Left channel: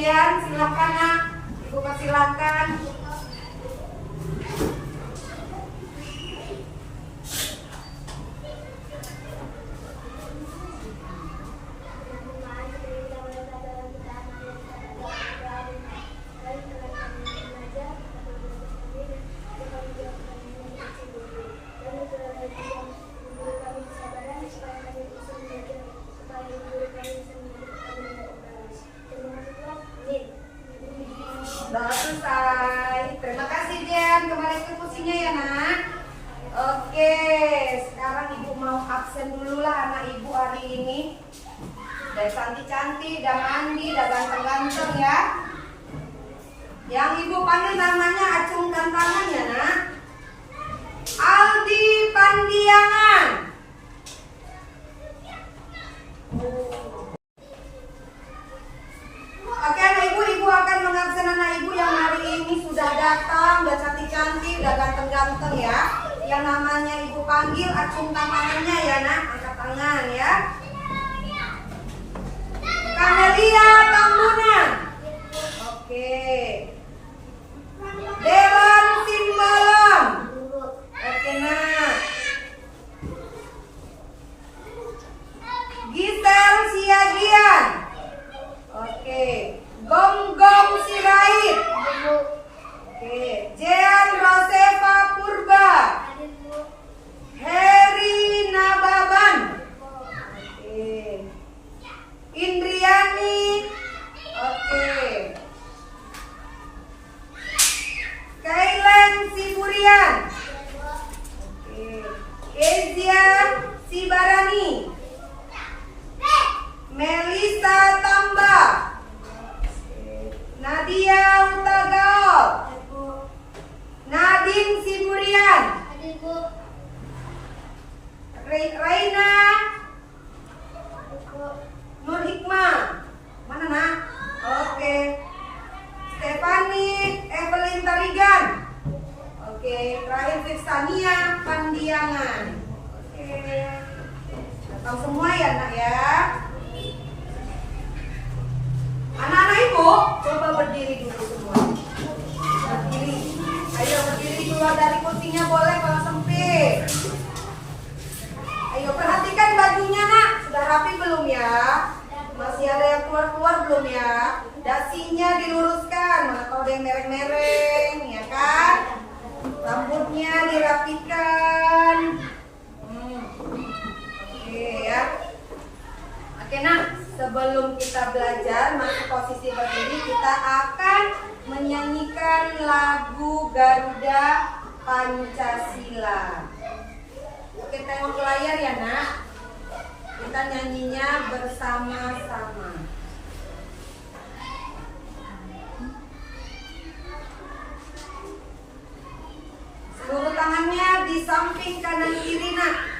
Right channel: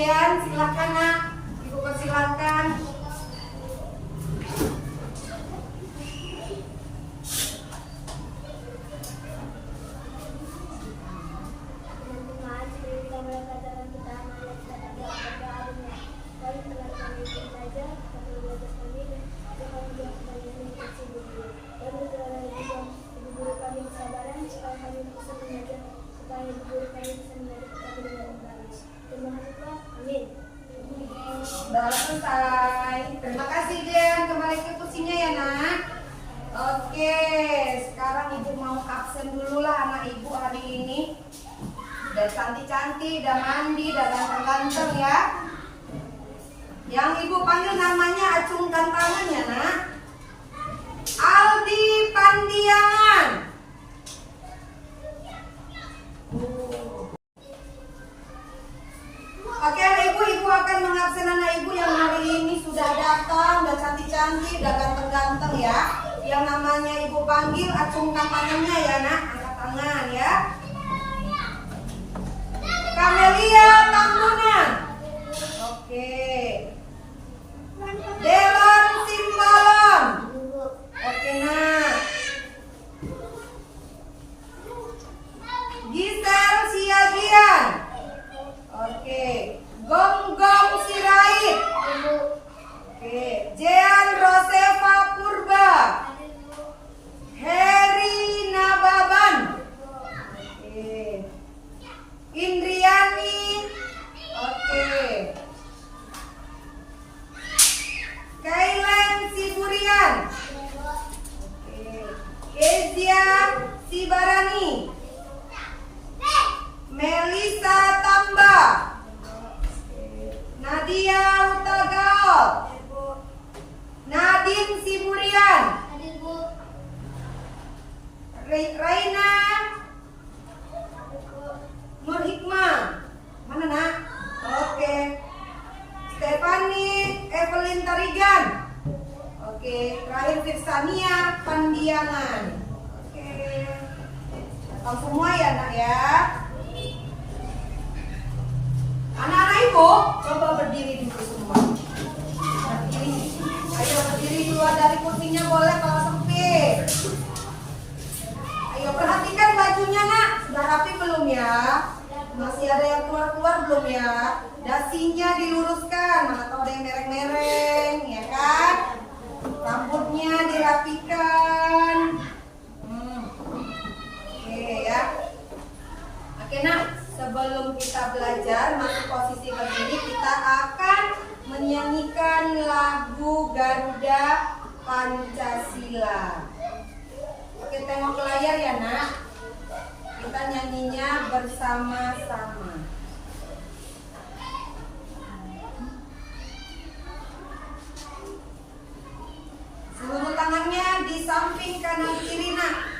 pasien, silakan nak. Ibu persilakan. Udah selesai. Terima kasih Jen. Kembali ke kursinya ya nak. Oke, sekarang ibu mau absen dulu lah anak ibu hari ini. Udah cantik-cantik, udah mandi, udah ganteng-ganteng ya. Yang ibu panggil namanya acungkan tangan ya nak. Aldi Pandiangan. Oke ibu akan mengabsen anak ibu yang hari ini sudah datang, udah cantik-cantik, udah ganteng-ganteng ya. Yang namanya ibu panggil, acungkan tangannya ya nak, angkat tangan ya. Kamelia Tambunan. Oke. Delon Simbolon. Oke nak. Gisel Siagian. Oke. Gom Sirait. Oke. Jean Rosefa Purba. Heri Nababan. Oke. Indriani. Oke. Kailen Siburian. Oke. Ezia Sibarani. Melisa Tamba. Nadia Utagaol. Nadine Siburian. Raina Nur Hikmah. Mana nak? Oke. Stephanie Evelyn Tarigan. Oke. Terakhir Firsania Pandiangan. Oke. Datang semua ya nak ya. Anak-anak ibu, coba berdiri dulu semua. Berdiri. Ayo berdiri keluar dari kursinya boleh kalau sempit. Ayo perhatikan bajunya nak. Sudah rapi belum ya? Masih ada yang keluar-keluar belum ya? Dasinya diluruskan. Mana tahu ada yang mereng-mereng, ya kan? Rambutnya dirapikan. Oke ya. Oke nak. Sebelum kita belajar masih posisi berdiri, kita akan menyanyikan lagu Garuda Pancasila. Oke, tengok ke layar ya nak. Kita nyanyinya bersama-sama. Seluruh tangannya di samping kanan kiri nak.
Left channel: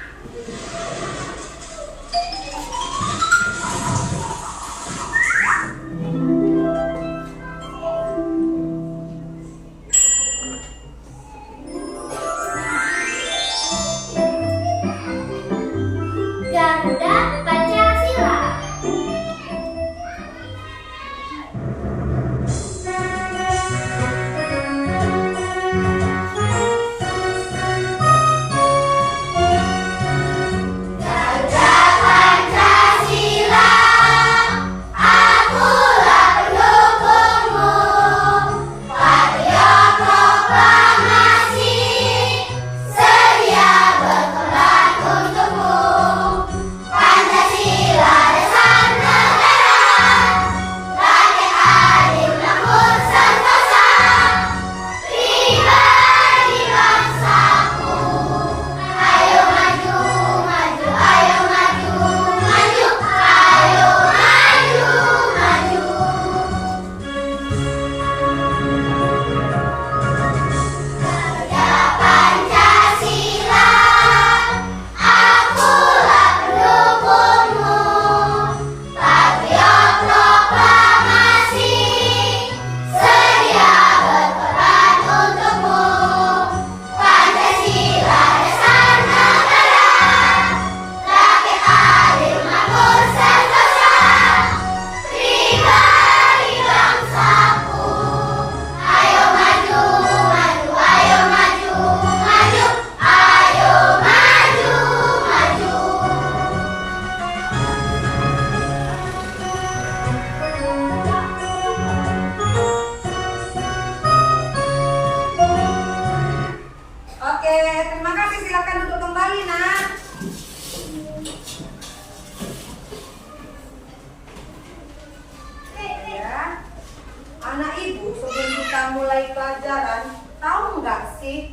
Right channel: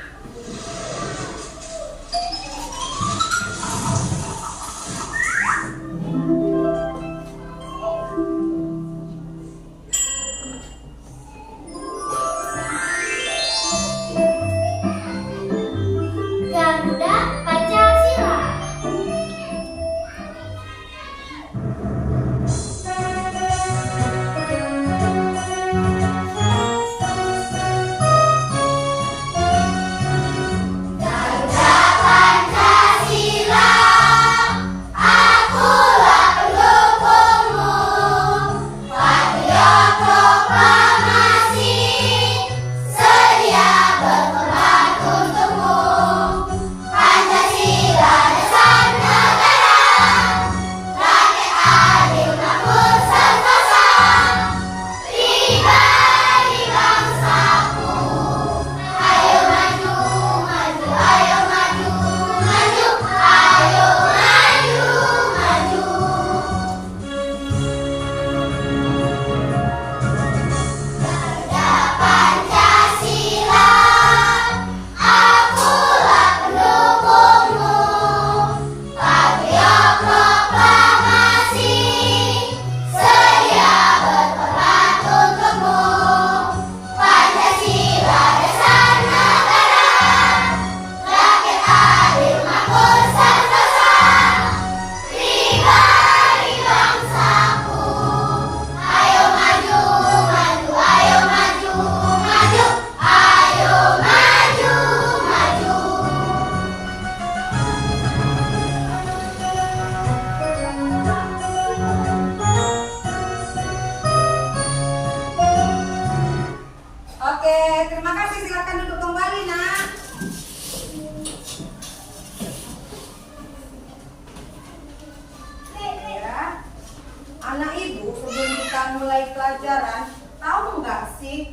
pembelajaran, tahu nggak sih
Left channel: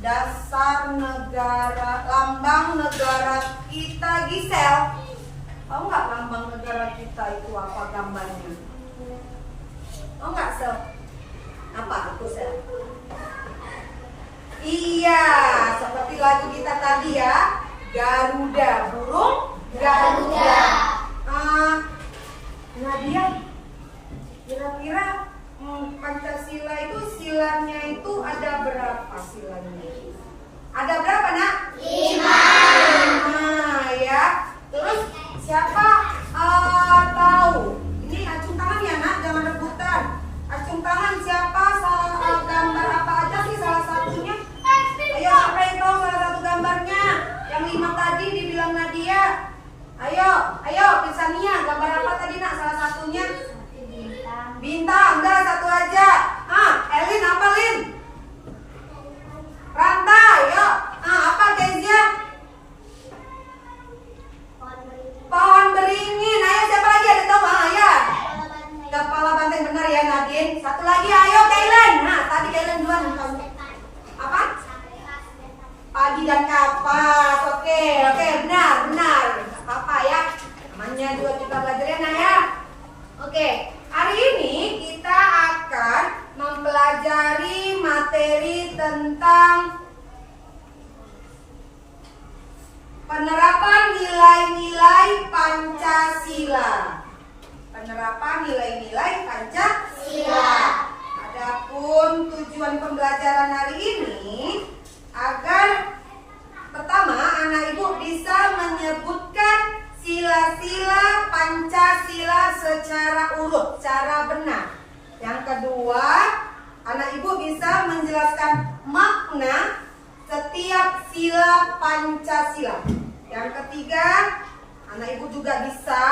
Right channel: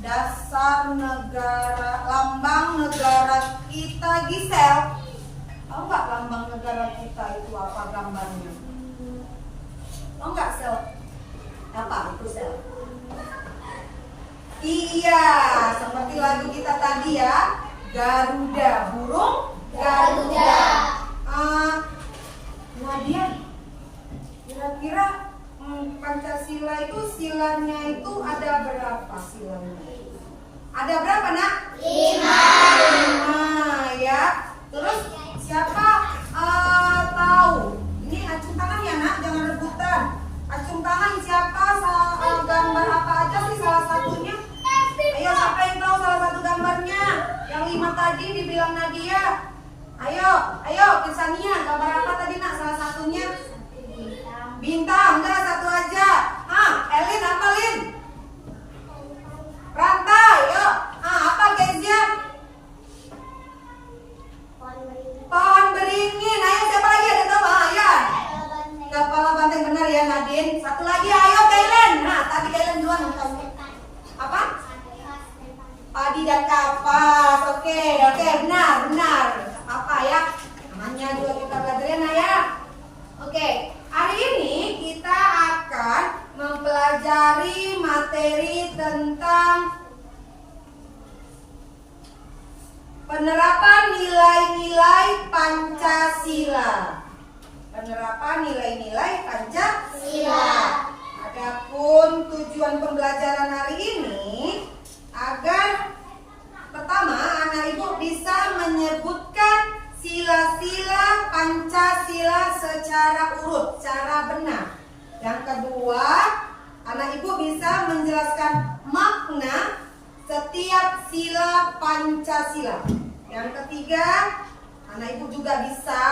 dasar negara, lambang negara kita, Gisel? Tahu nggak lambang negara kita itu apa gambarnya? Tahu nggak, Sel? Apa itu, Sel? Iya, seperti lagu kita tadi ya, Garuda, burung Garuda. Nadia, kira-kira Pancasila itu silanya itu ada berapa silanya? Ada berapa, Nak? 5. 5 ya. Terus siapa tahu? Ini acung tangan ya, Nak, jangan rebutan. Acung tangan siapa gambar apa aja sih salah satunya? Ayo, siapa yang tahu salah satu gambarnya? Yang 5 tadi dibilang Nadia. Ayo, Pisania, gambar apa tadi, Nak, salah satunya? Bintang, enggak, satu aja. Elin apa, Lin? Rantai, yuk. Apa, Kezia? Pohon beringin. Ayo, siapa lagi ada tahu? Ya. Kepala banteng, benar ya, Nadine. Satu lagi, ayo, Kailan. Nah, tadi Kailan duluan kamu. Apa? Padi dan kapas. Oke, benar. Apa ya? Namanya juga kita belajarin, ya. Oke. Hari ini kita akan mempelajari materi tentang penerapan nilai-nilai Pancasila. Penerapan nilai-nilai Pancasila. Adapun tujuan pembelajaran hari ini agar pertama anak ibu bisa menyebutkan sila-sila Pancasila secara urut, secara benar. Yang kedua, anak ibu bisa menjelaskan makna setiap sila Pancasila. Yang ketiga, anak ibu juga bisa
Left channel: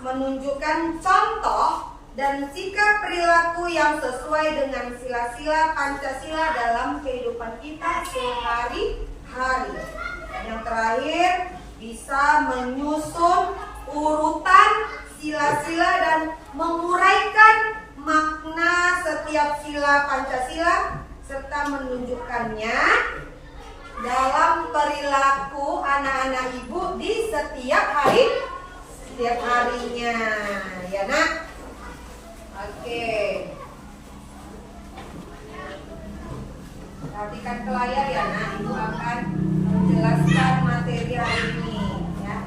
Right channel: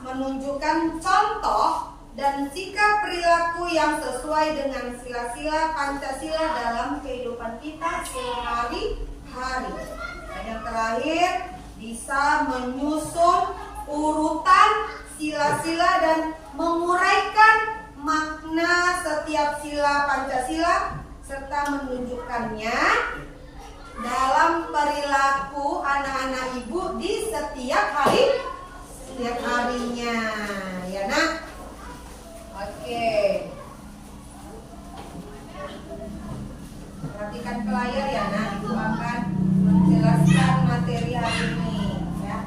menunjukkan contoh dan sikap perilaku yang sesuai dengan sila-sila Pancasila dalam kehidupan kita sehari-hari. Dan yang terakhir, bisa menyusun urutan sila-sila dan menguraikan makna setiap sila Pancasila serta menunjukkannya dalam perilaku anak-anak ibu di setiap harinya, ya, Nak? Oke. Perhatikan ke layar ya, Nak. Ibu akan menjelaskan materi hari ini, ya.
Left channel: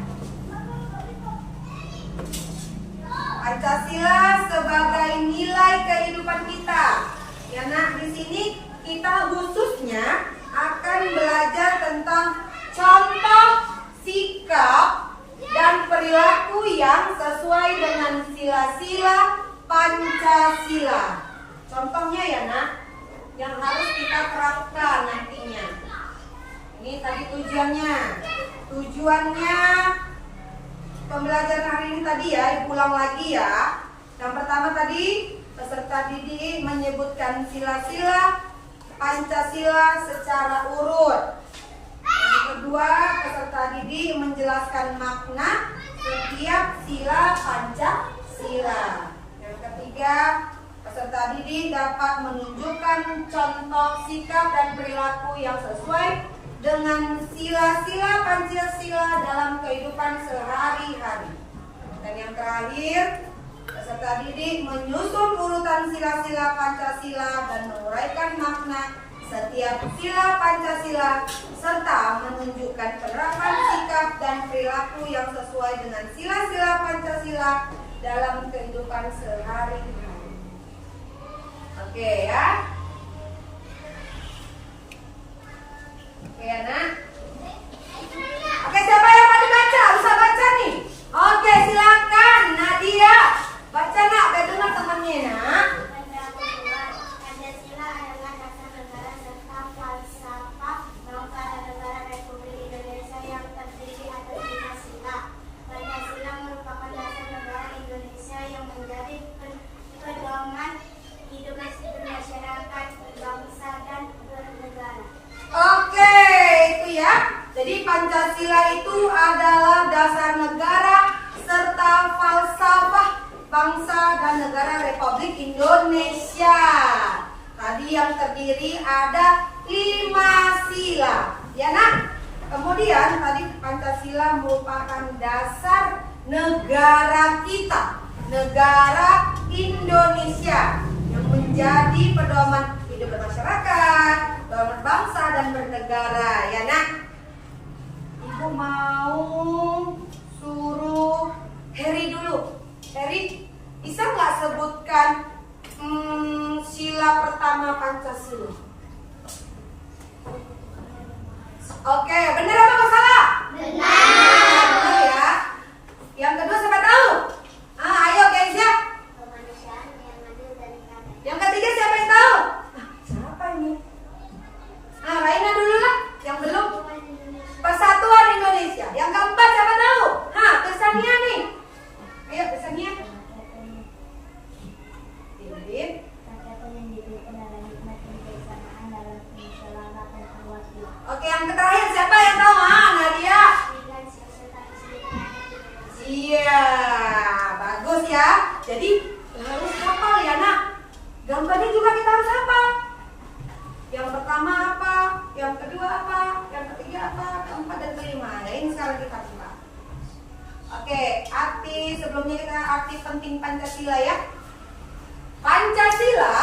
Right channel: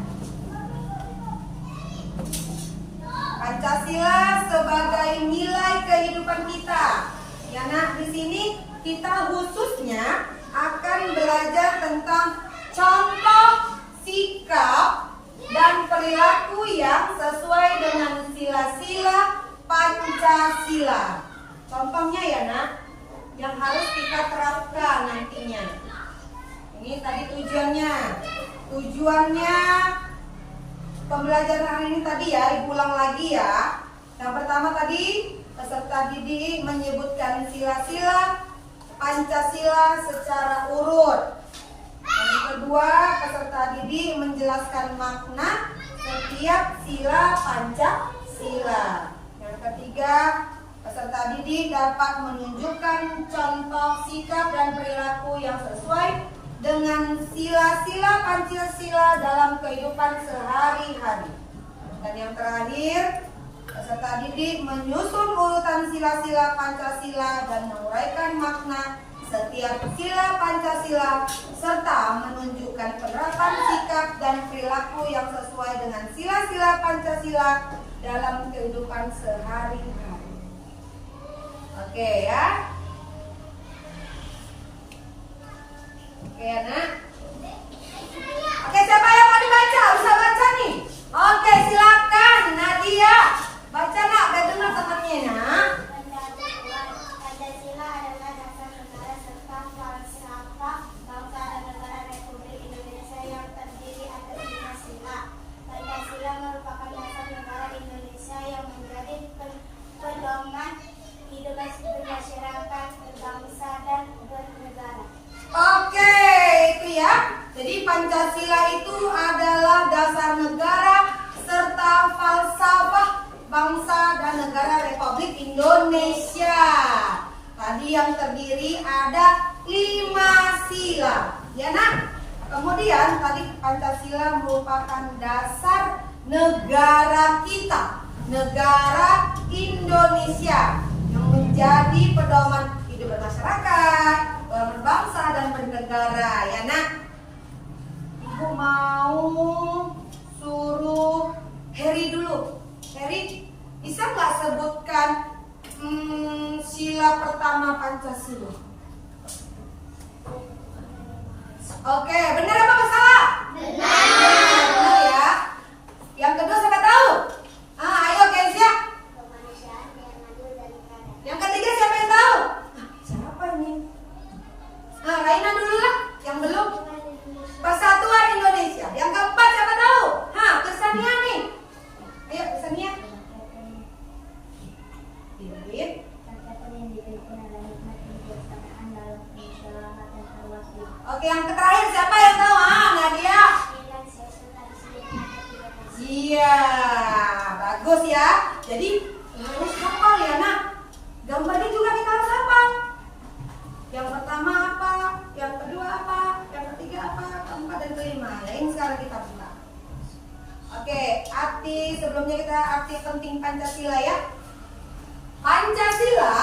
Pancasila sebagai nilai kehidupan kita. Ya, Nak, di sini kita khususnya akan belajar tentang contoh sikap dan perilaku yang sesuai dengan sila-sila Pancasila. Contohnya ya, Nak, yang harus kita terapkan nantinya. Ini tadi tujuannya pembelajaran hari ini tadi ya, Ibu ulang lagi ya. Yang pertama tadi peserta didik menyebutkan sila-sila Pancasila secara urut. Yang kedua, peserta didik menjelaskan makna setiap sila Pancasila. Yang ketiga, peserta didik dapat menunjukkan contoh sikap dan perilaku yang sesuai dengan sila-sila Pancasila dalam kehidupan sehari-hari. Dan yang terakhir, peserta didik menyusun urutan sila-sila Pancasila dan menguraikan makna setiap sila Pancasila serta menunjukkan penerapan sikap dan perilaku yang sesuai dengan sila-sila Pancasila dalam kehidupan sehari-hari. Oke ya. Oke ya, Nak. Oke, siapa yang mau dibaca? Bisa baca nih. Oke, silakan Nadia. Baca, Nak, udah dengar temennya, Nak. Pancasila adalah dasar negara serta falsafah bangsa dan negara Republik Indonesia yang terdiri atas 5 sila. Pancasila merupakan dasar negara Indonesia yang menjadi pedoman hidup bermasyarakat, berbangsa, dan bernegara. Oke, itu ya. Jadi Pancasila itu adalah dasar negara serta falsafah bangsa dan negara Republik Indonesia. Tadi yang terdiri ada 5 sila. Ya nak? Kemudian tadi Pancasila merupakan dasar negara kita, negara Indonesia, yang menjadi pedoman hidup bermasyarakat, berbangsa dan bernegara. Ya nak? Ibu mau suruh Heri dulu. Heri, bisa nggak sebutkan sila pertama Pancasila? Oke, benar apa salah? Benar ya. Yang kedua siapa tahu? Ayo Kenza. Kemanusiaan yang adil dan beradab. Yang ketiga siapa yang tahu? Siapa ini? Raina dulu lah, yang belum. Persatuan Indonesia. Yang keempat siapa tahu? Kesania nih. Ayo Kesania. Dindin. Oke, yang terakhir siapa yang tahu? Nadia. Iya, bagus ya. Jadi harus hafal ya nak. Gambarnya juga kita harus hafal. Yang pertama apa? Yang kedua apa? Yang ketiga apa? Keempat dan kelima. Ya, ini sekarang kita buka. Oke, arti sebelumnya kita arti penting Pancasila ya. Pancasila,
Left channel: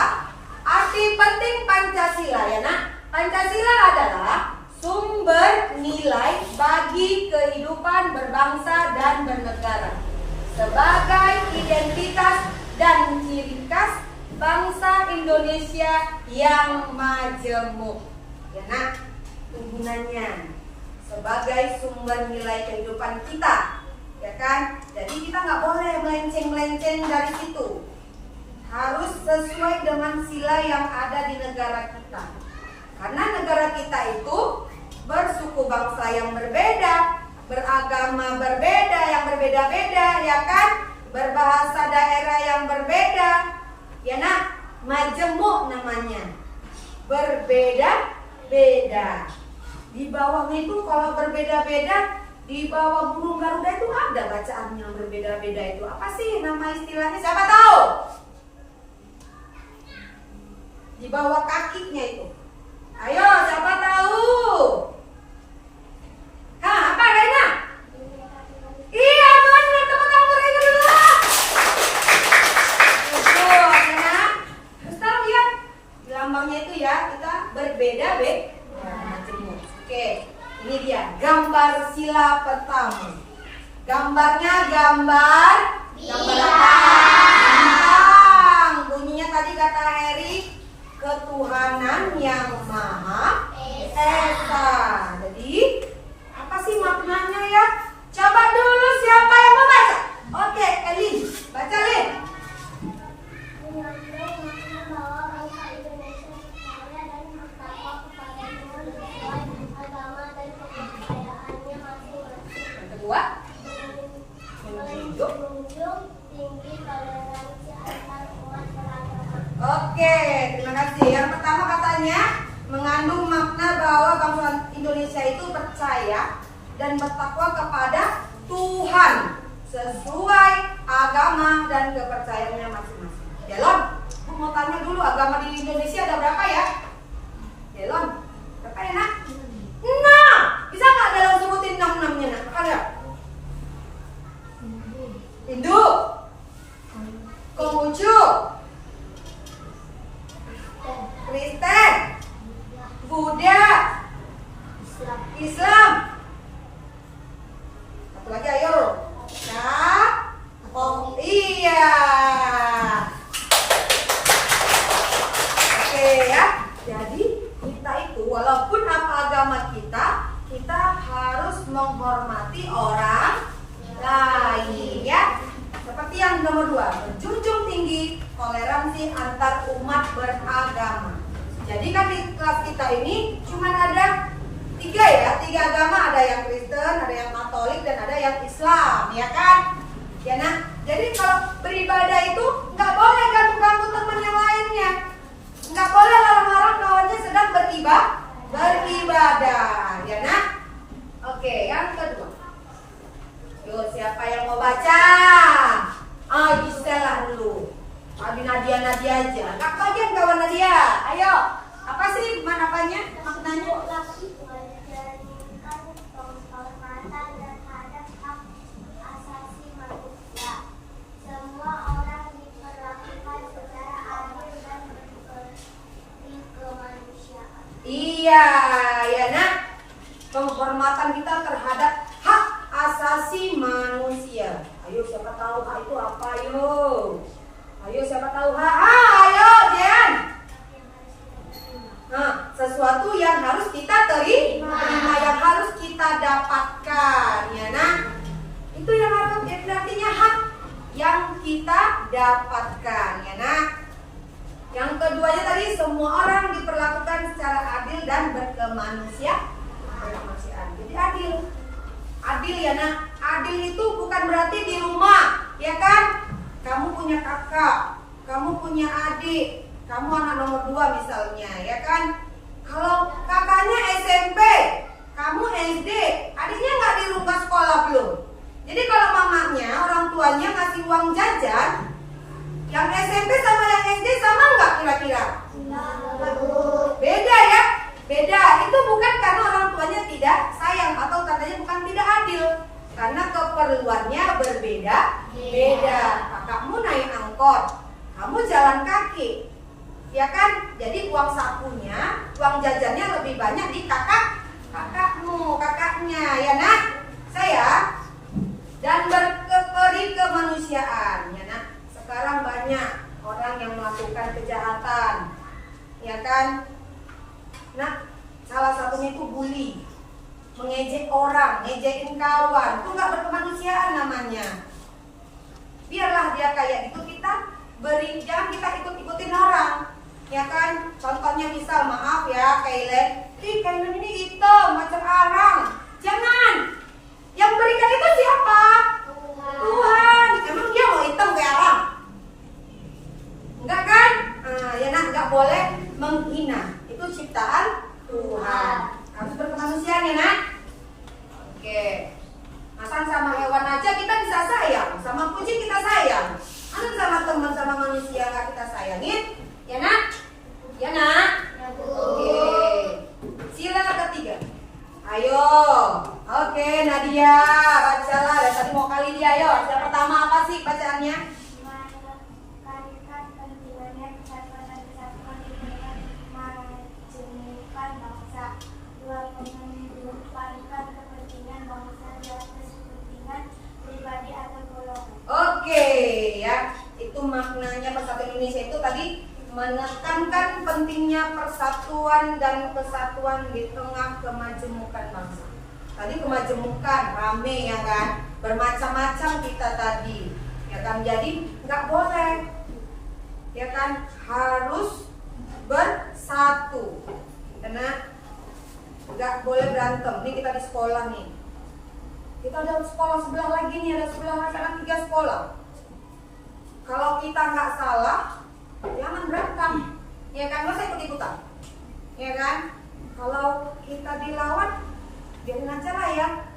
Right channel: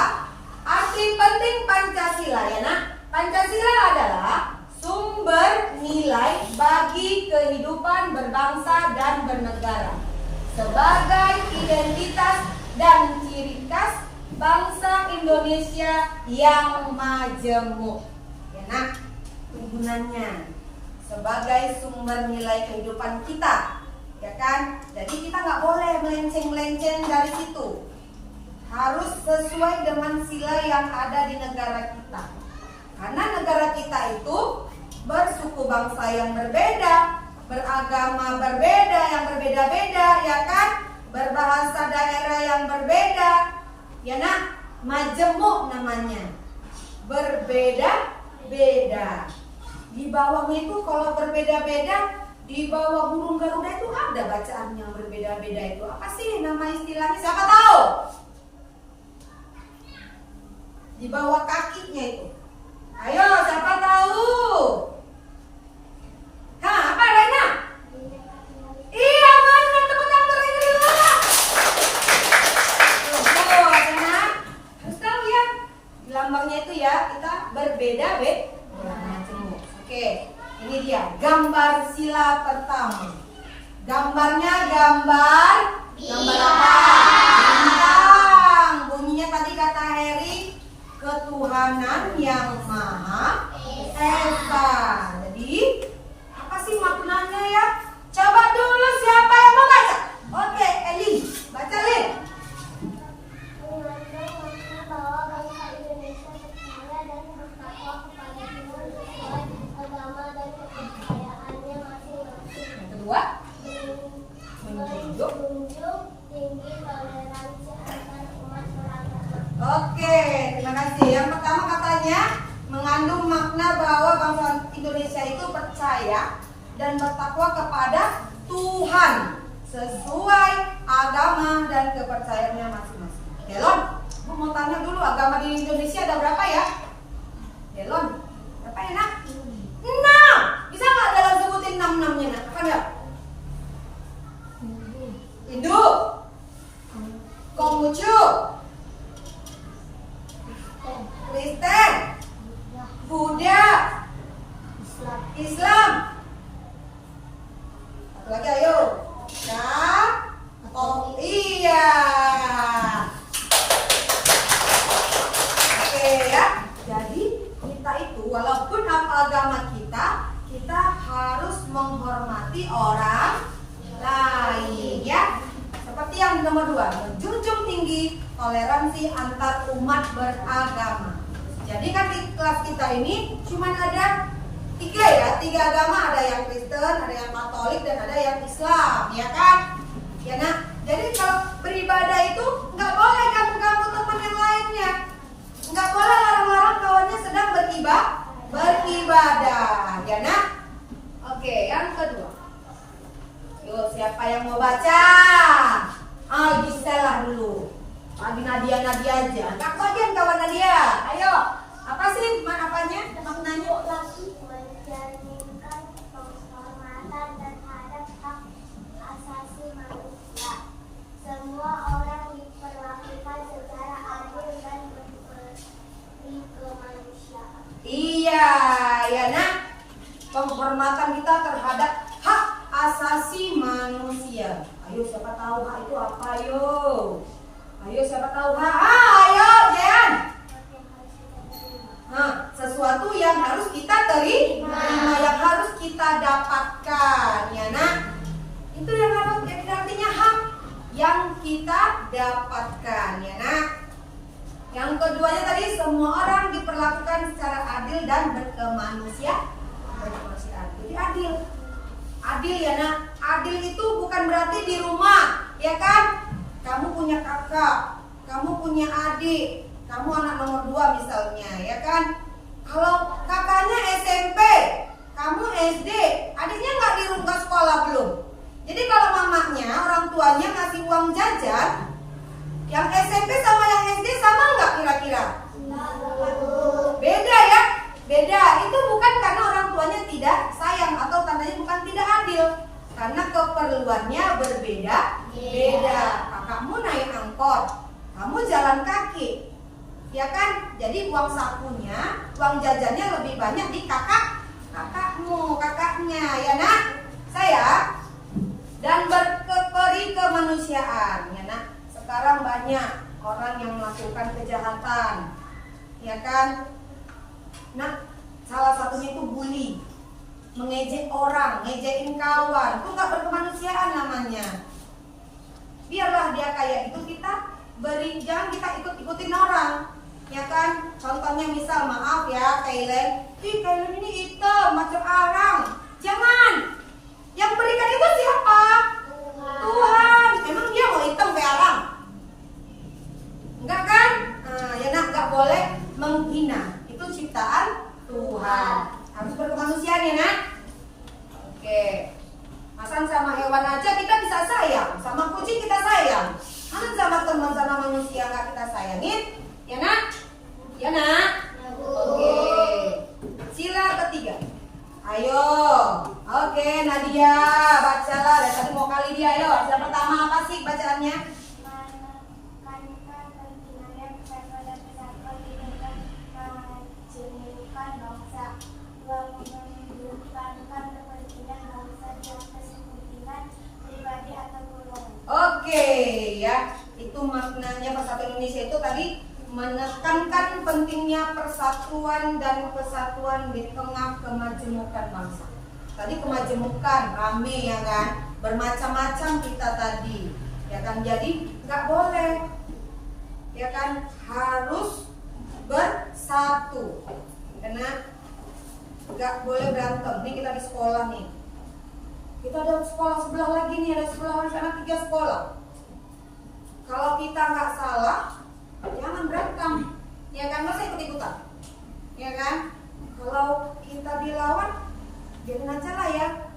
arti penting Pancasila ya nak. Pancasila adalah sumber nilai bagi kehidupan berbangsa dan bernegara sebagai identitas dan ciri khas bangsa Indonesia yang majemuk. Ya nak, gunanya sebagai sumber nilai kehidupan kita, ya kan? Jadi kita nggak boleh melenceng-melenceng dari situ. Harus sesuai dengan sila yang ada di negara kita. Karena negara kita itu bersuku bangsa yang berbeda, beragama berbeda, yang berbeda-beda, ya kan? Berbahasa daerah yang berbeda, ya nak? Majemuk namanya, berbeda-beda. Di bawahnya itu kalau berbeda-beda, di bawah burung Garuda itu ada bacaan yang berbeda-beda itu. Apa sih nama istilahnya? Siapa tahu? Di bawah kakinya itu. Ayo, siapa tahu? Apa Raina? Iya, benar. Tepuk tangan untuk Raina dulu. Betul, harus tahu ya. Di lambangnya itu ya, kita berbeda-beda. Oke, ini dia gambar sila pertama. Gambarnya gambar apa? Bintang. Bunyinya tadi kata Heri, ketuhanan yang Maha Esa. Jadi apa sih maknanya ya? Coba dulu siapa yang mau baca? Oke, Eli, baca Lin. Mengandung makna bahwa bangsa Indonesia percaya dan bertakwa kepada Tuhan sesuai agama dan kepercayaannya masing-masing. Yang kedua, Menjunjung tinggi toleransi antar umat beragama. oke, terima kasih. Yang pertama katanya mengandung makna bahwa bangsa Indonesia itu percaya dan bertakwa kepada Tuhan sesuai agama dan kepercayaannya masing-masing. Delon, aku mau tanya dulu, agama di Indonesia ada berapa ya? Delon, berapa ya nak? 6. Bisa nggak Delon sebutin 6-6-nya nak? Ada? Hindu, Konghucu, Kristen, Buddha, Islam. Satu lagi ayo. Iya. Oke ya. Jadi kita itu walaupun apa agama kita harus menghormati orang lain ya. Seperti yang nomor 2, menjunjung tinggi toleransi antar umat beragama. Jadi kan di kelas kita ini cuma ada 3 agama, ada yang Kristen, ada yang Katolik, dan ada yang Islam, ya kan? Ya nah, jadi kalau beribadah itu nggak boleh ganggu-ganggu teman yang lainnya, nggak boleh larang-larang kawannya sedang beribadah, ya nah? Oke, yang kedua. Yuk, siapa yang mau baca? Gisela dulu. Nadia aja. Kak bagian kawan Nadia. Ayo. penghormatan kita terhadap hak asasi manusia. Ayo siapa tahu hak itu apa? Ayo siapa tahu hak? Ayo Jean. Nah, sesuatu yang harus kita terima, yang harus kita dapatkan, ya nah. Itu yang harus jadi artinya hak yang kita dapatkan, ya nah. Yang keduanya tadi, semua orang diperlakukan secara adil dan berkemanusiaan. Jadi adil. Adil ya nah. Adil itu bukan berarti di rumah, ya kan? Kamu punya kakak, kamu punya adik, kamu anak nomor 2 misalnya, ya kan? Kalau kakaknya SMP, kamu SD, adiknya nggak di rumah sekolah belum. Jadi kalau mamanya, orang tuanya ngasih uang jajan, yang SMP sama yang SD sama nggak kira-kira? Beda ya, beda. Itu bukan karena orang tuanya tidak sayang atau tandanya bukan tidak adil, karena keperluannya berbeda. Kakakmu naik angkot, kamu jalan kaki, ya kan? Jadi uang sakunya, uang jajannya lebih banyak di kakaknya, ya nak, saya. Dan berkeperi kemanusiaan, ya nak. Sekarang banyak orang yang melakukan kejahatan, ya kan? Nah, salah satunya itu bully, mengejek orang, ngejekin kawan, itu nggak berkemanusiaan namanya. Biarlah dia kayak itu, kita beri, jangan kita ikut-ikutin orang, ya kan? Contohnya misal, maaf ya, Kailen ini hitam macam arang, jangan. Yang berikan itu siapa? Tuhan. Emang dia mau hitam kayak arang? Enggak kan? Ya nah, enggak boleh menghina. Itu ciptaan Tuhan. Harus berkemanusiaan ya nak. Oke. Masan sama hewan aja kita bisa sayang, sama kucing kita sayang. Mana sama teman sama manusia nggak kita sayangin? Ya nak? Ya nak? Oke. Sila ketiga. Ayo. Oke, Nadia, bacalah. Dari tadi mau kali dia. Ayo. Sila pertama apa sih bacaannya? Menekankan pentingnya persatuan dan kesatuan dengan majemukkan bangsa. 2. Mengedepankan kepentingan bangsa di atas kepentingan pribadi atau golongan. Oke, ya. Itu maknanya persatuan Indonesia itu tadi menekankan pentingnya persatuan dan kesatuan di tengah kemajemukan bangsa. Tadi kemajemukan, rame ya kan, bermacam-macam kita tadi, ya kan. Jadi nggak boleh, ya kan, harus bersatu, karena nggak boleh berantem. Ini kita di sekolah nih, kita ada sekolah sebelah lagi nih, ada sebelah sana 3 sekolah. Kalau kita nggak salah, jangan berantem, ya kan, nggak usah ikut-ikutan, ya kan. Kalau kita dilawan, biarin aja lah ya,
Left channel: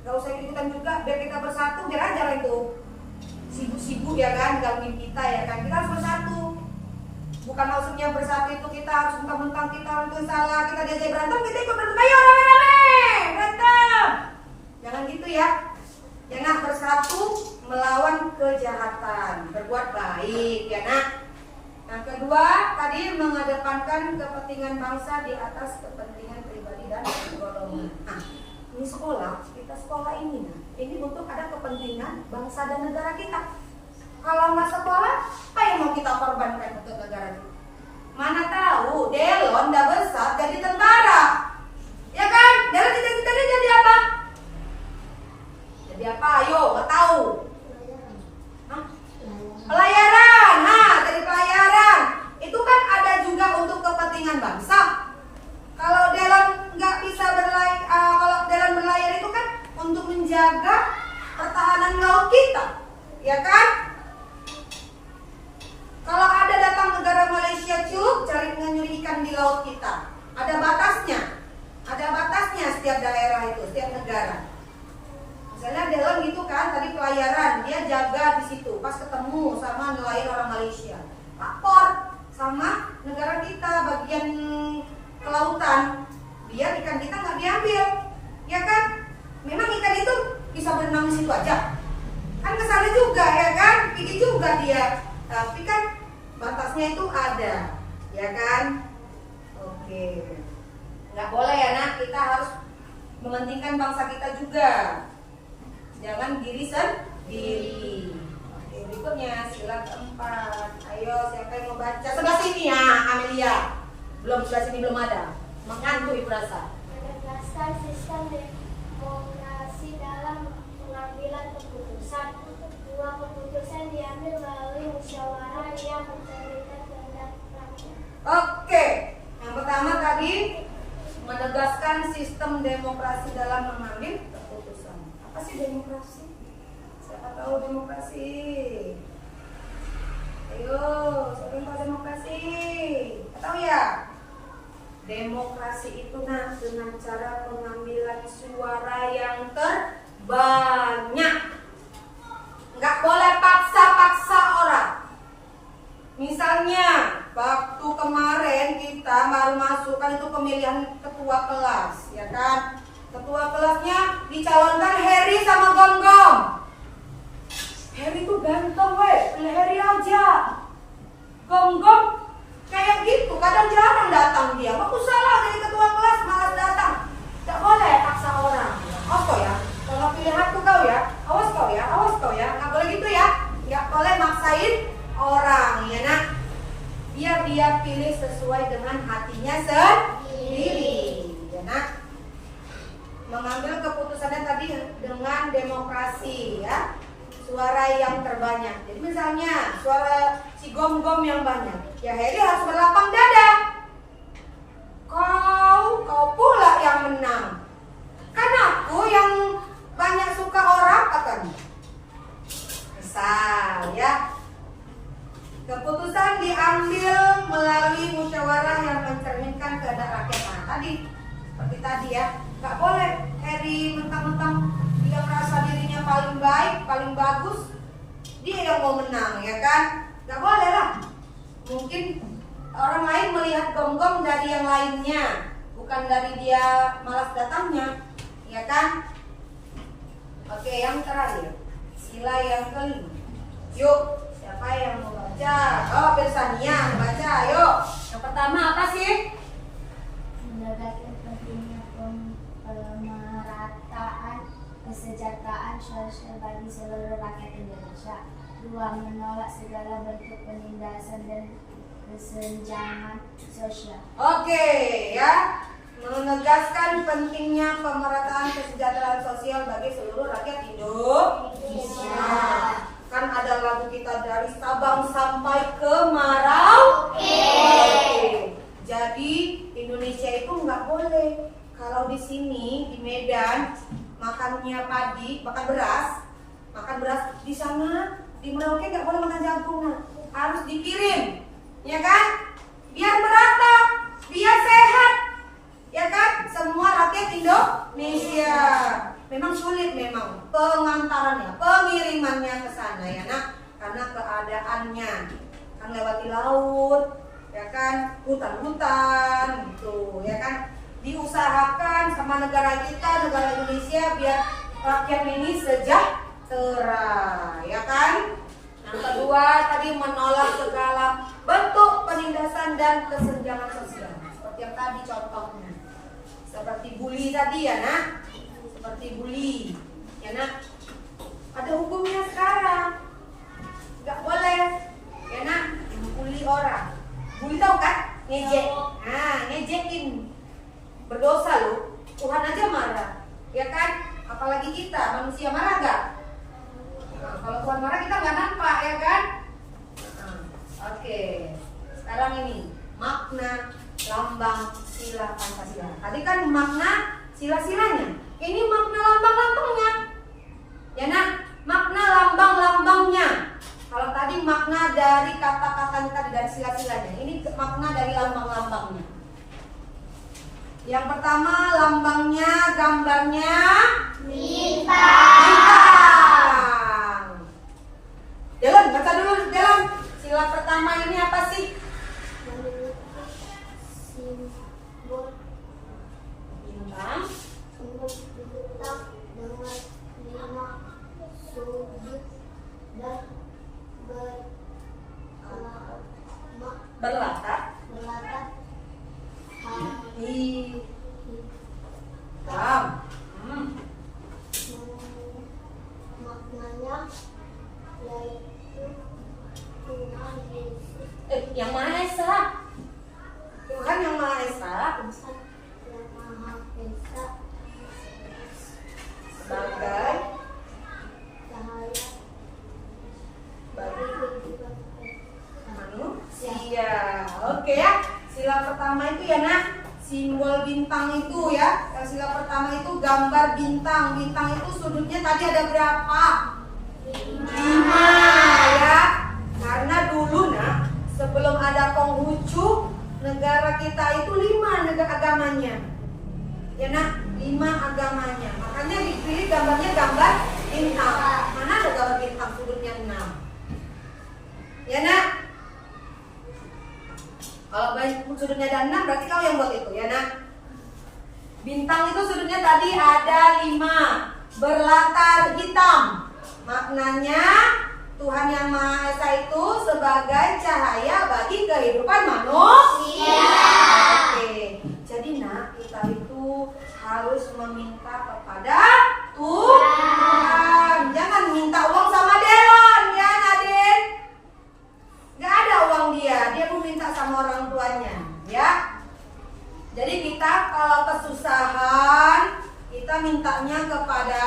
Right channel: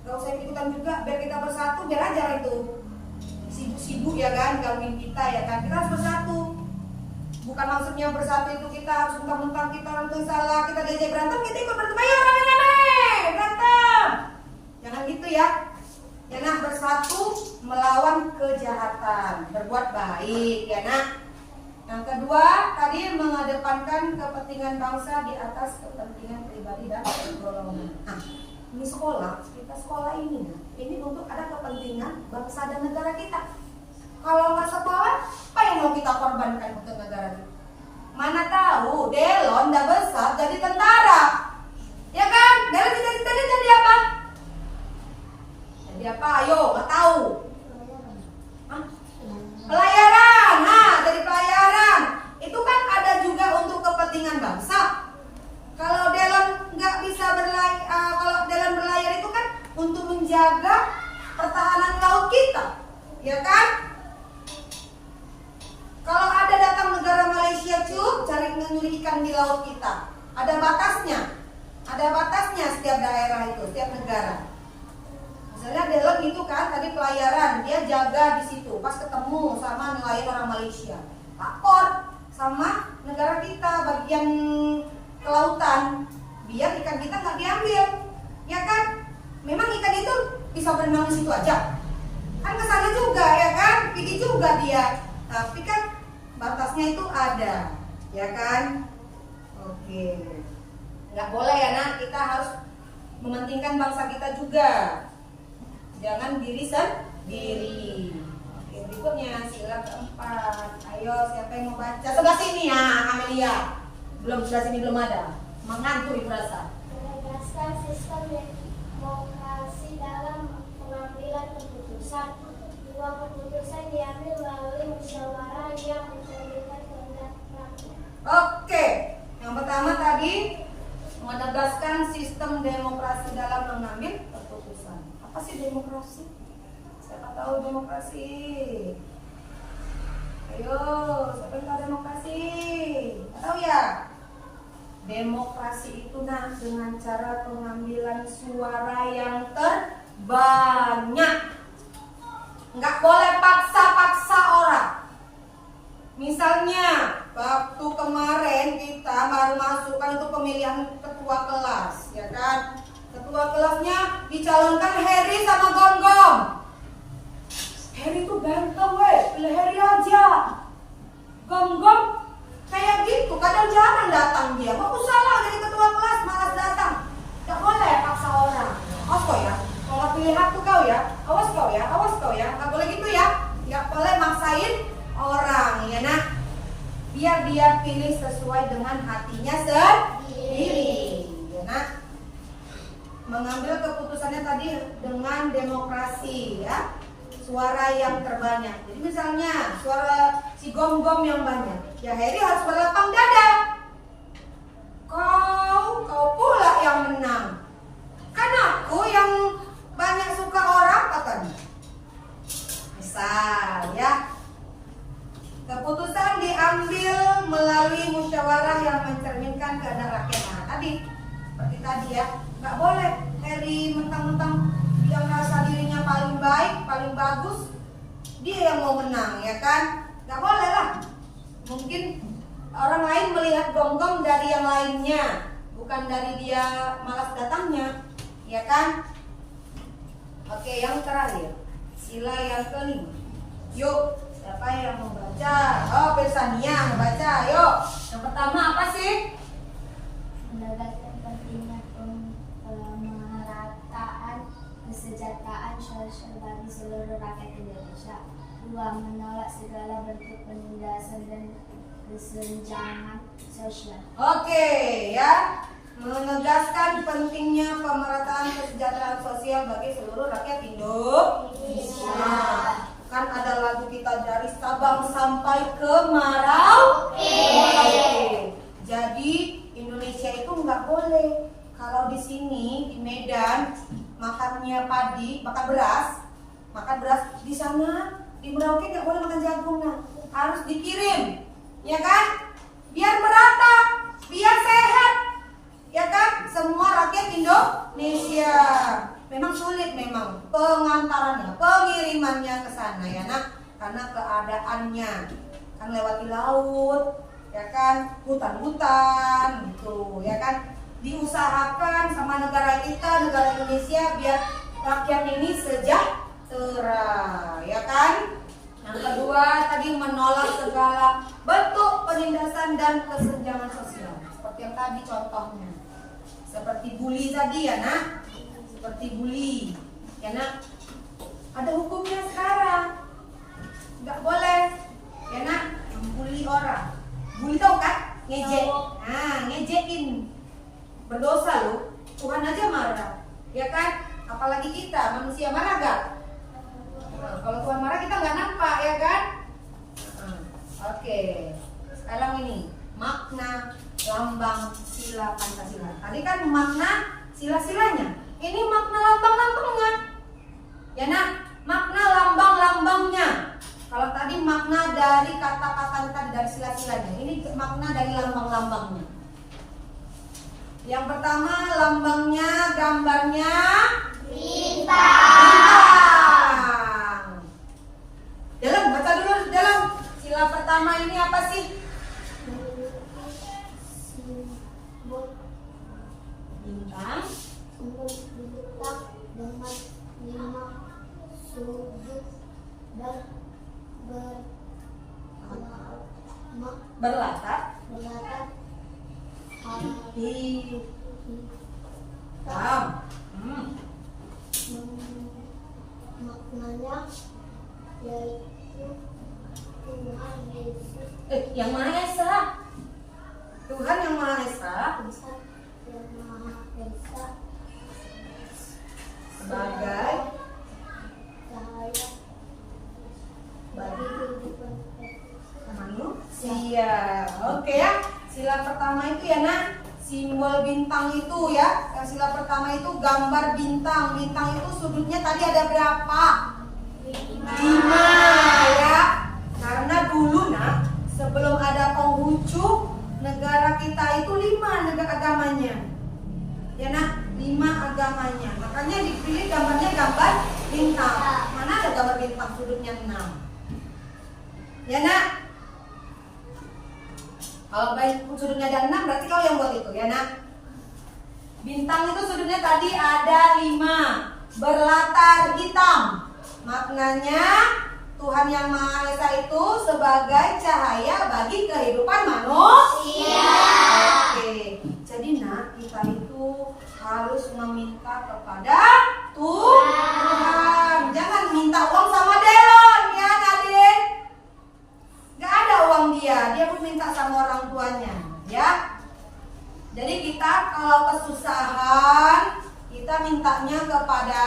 nggak usah ikutan juga, biar kita bersatu, biar aja itu sibuk-sibuk ya kan, gangguin kita ya kan. Kita harus bersatu, bukan maksudnya bersatu itu kita harus mentang-mentang kita untuk salah, kita diajak berantem, kita ikut berantem, ayo rame-rame berantem, jangan gitu ya. Jangan bersatu melawan kejahatan, berbuat baik ya nak. Yang kedua, tadi mengedepankan kepentingan bangsa di atas kepentingan pribadi dan golongan. Nah, ini sekolah, kita sekolah ini, ini untuk ada kepentingan bangsa dan negara kita. Kalau nggak sekolah, apa yang mau kita korbankan untuk negara kita? Mana tahu, Delon udah besar jadi tentara, ya kan? Delon cita-citanya jadi apa? Jadi apa? Ayo, nggak tahu. Pelayaran, dari pelayaran itu kan ada juga untuk kepentingan bangsa. Kalau Delon nggak bisa kalau Delon berlayar itu kan untuk menjaga pertahanan laut kita, ya kan? Kalau ada datang negara Malaysia cari nyuri ikan di laut kita, ada batasnya setiap daerah itu, setiap negara. Misalnya Delon gitu kan, tadi pelayaran, dia jaga di situ. Pas ketemu sama nelayan orang Malaysia, lapor sama negara kita bagian kelautan, biar ikan kita nggak diambil, ya kan? Memang ikan itu bisa berenang di situ aja, kan kesana juga ya kan, pergi juga dia. Tapi kan batasnya itu ada, ya kan? Oke, nggak boleh ya nak, kita harus mementingkan bangsa kita juga. Jangan diri sendiri. Oke, berikutnya sila keempat. Ayo, siapa yang mau baca? Sebelah sini ya, Amelia. Belum, sebelah sini belum ada. Mengantuk ibu rasa. Menegaskan sistem demokrasi dalam pengambilan keputusan. Dua keputusan diambil melalui musyawarah yang mencerminkan kehendak rakyat. Oke, yang pertama tadi menegaskan sistem demokrasi dalam mengambil keputusan. Apa sih demokrasi? Siapa tahu demokrasi? Ayo, siapa yang tahu demokrasi? Nggak tahu ya? Demokrasi itu dengan cara pengambilan suara yang terbanyak. Nggak boleh paksa-paksa orang. Misalnya, waktu kemarin kita baru masukkan itu pemilihan ketua kelas, ya kan? Ketua kelasnya dicalonkan Heri sama Gonggong. Heri tuh ganteng weh, pilih Heri aja. Gonggong kayak gitu, kadang jarang datang dia. Aku salah jadi ketua kelas, malas datang. Tidak boleh paksa orang. Awas kau ya, kalau pilih aku kau ya, awas kau ya, awas kau ya. Nggak boleh gitu ya, nggak boleh maksain orang, ya nak. Biar dia pilih sesuai dengan hatinya sendiri, ya nak. Mengambil keputusannya tadi dengan demokrasi, ya. Suara yang terbanyak. Jadi misalnya suara si Gom-Gom yang banyak, ya Heri harus berlapang dada. Kau pula yang menang. Kan aku yang banyak suka orang katanya. Misal ya. Keputusan diambil melalui musyawarah yang mencerminkan kehendak rakyat. Nah, tadi seperti tadi ya, nggak boleh Heri mentang-mentang dia merasa dirinya paling baik, paling bagus, dia yang mau menang, ya kan? Nggak boleh lah. Mungkin orang lain melihat Gom-Gom dari yang lainnya, bukan dari dia malas datangnya, ya kan? Oke, yang terakhir, sila yang kelima. Yuk, siapa yang mau baca? Oh, Bersania mau baca, yuk. Yang pertama apa sih? Menegaskan pentingnya pemerataan kesejahteraan sosial bagi seluruh rakyat Indonesia. Dua, menolak segala bentuk penindasan dan kesenjangan sosial. Oke, ya. Menegaskan pentingnya pemerataan kesejahteraan sosial bagi seluruh rakyat Indonesia. Kan ada lagu kita dari Sabang sampai ke Merauke. Jadi Indonesia itu nggak boleh kalau di sini di Medan makannya padi, makan beras di sana di Merauke nggak boleh makan jagung, nah, harus dikirim, ya kan? Biar merata, biar sehat, ya kan? Semua rakyat Indonesia. Memang sulit memang pengantarannya, pengirimannya ke sana ya nak, karena keadaannya kan lewati laut, ya kan, hutan-hutan gitu, ya kan. Diusahakan sama negara kita, negara Indonesia, biar rakyatnya ini sejahtera, ya kan. Yang kedua tadi menolak segala bentuk penindasan dan kesenjangan sosial, seperti yang tadi contohnya, seperti bully tadi ya nak. Seperti bully, ya nak, ada hukumnya sekarang, nggak boleh, ya nak, bully orang. Bully tau kan? Ngejek, nah ngejekin, berdosa loh, Tuhan aja marah, ya kan? Apalagi kita manusia marah gak? Nah, kalau Tuhan marah kita nggak nampak, ya kan? Oke, sekarang ini makna lambang sila Pancasila. Tadi kan makna sila-silanya. Ini makna lambang-lambangnya, ya nak, makna lambang-lambangnya. Kalau tadi makna dari kata-kata tadi dari sila-silanya, ini makna dari lambang-lambangnya. Yang pertama lambangnya, gambarnya bintang. Jalan, baca dulu jalan. Sila pertama ini apa sih? Simbol Bintang. bintang dengan 5 sudut dan Berlatar berlatar hitam. sila pertama itu ya nak, simbol bintang itu ya. Yang sila pertama itu gambar bintang. Bintang itu sudutnya tadi ada berapa? 5 ya. Karena dulu nak, sebelum ada Konghucu, negara kita itu 5 negara agamanya. Ya nak, 5 agamanya. Makanya dipilih gambarnya gambar bintang. Mana ada gambar bintang sudutnya 6? Ya nak. Kalau baik sudutnya ada 6 berarti kau yang buat itu ya nak. Bintang itu sudutnya tadi ada 5, berlatar hitam. Maknanya Tuhan Yang Maha Esa itu sebagai cahaya bagi kehidupan manusia. Oke. Jadi nak, kita itu harus meminta kepada Tuhan. Jangan minta uang sama Delon ya Nadine. Gak ada uang dia mau minta sama orang tuanya ya. Jadi kita kalau kesusahan, kita mintanya kepada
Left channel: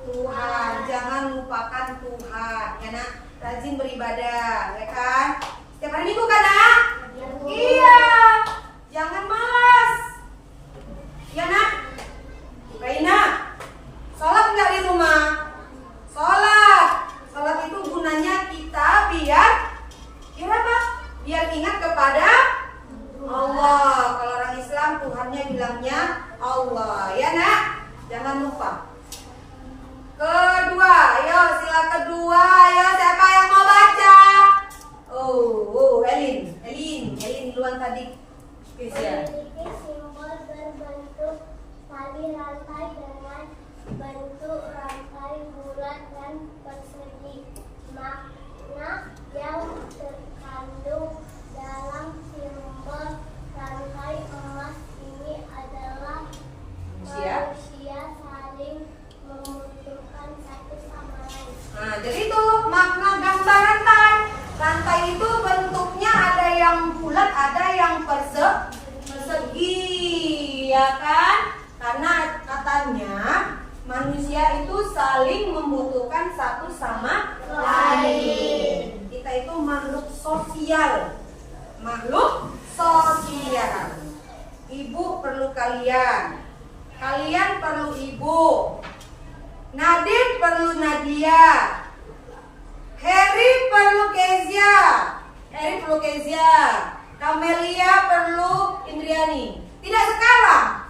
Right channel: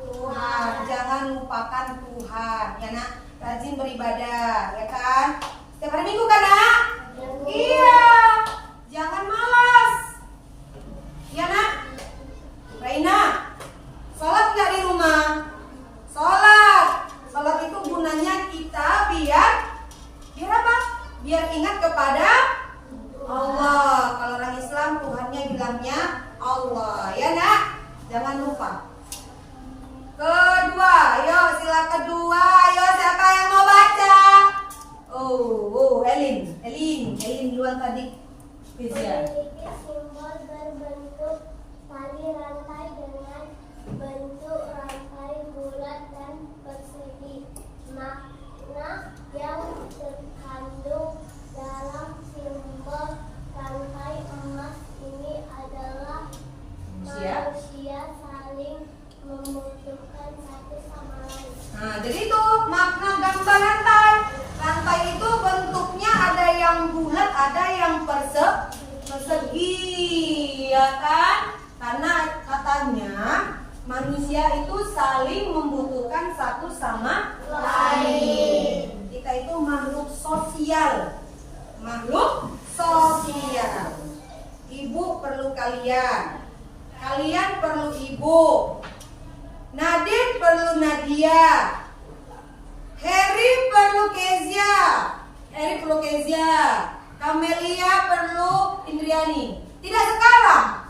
Tuhan. Jangan lupakan Tuhan ya nak. Rajin beribadah ya kan. Setiap hari Minggu kan nak? Iya. Jangan malas ya nak. Raina, sholat nggak di rumah? Sholat itu gunanya kita biar apa? Biar ingat kepada Allah. Kalau orang Islam Tuhannya bilangnya Allah ya nak. Jangan lupa. Kedua, ayo sila kedua. Ayo siapa yang mau baca? Elin duluan tadi. Memiliki simbol berbentuk tali rantai dengan bentuk rantai bulat dan persegi. Makna yang terkandung dalam simbol rantai emas ini adalah manusia saling membutuhkan satu sama lain. Nah, jadi itu makna gambar rantai. Rantai itu bentuknya ada yang bulat, ada yang persegi, ya kan? Karena katanya manusia itu saling membutuhkan satu sama lain. Kita itu makhluk sosial. Ibu perlu kalian. Kalian perlu ibu. Nadine perlu Nadia. Harry perlu Kezia. Kamelia perlu Indriani. Tidak sekarang.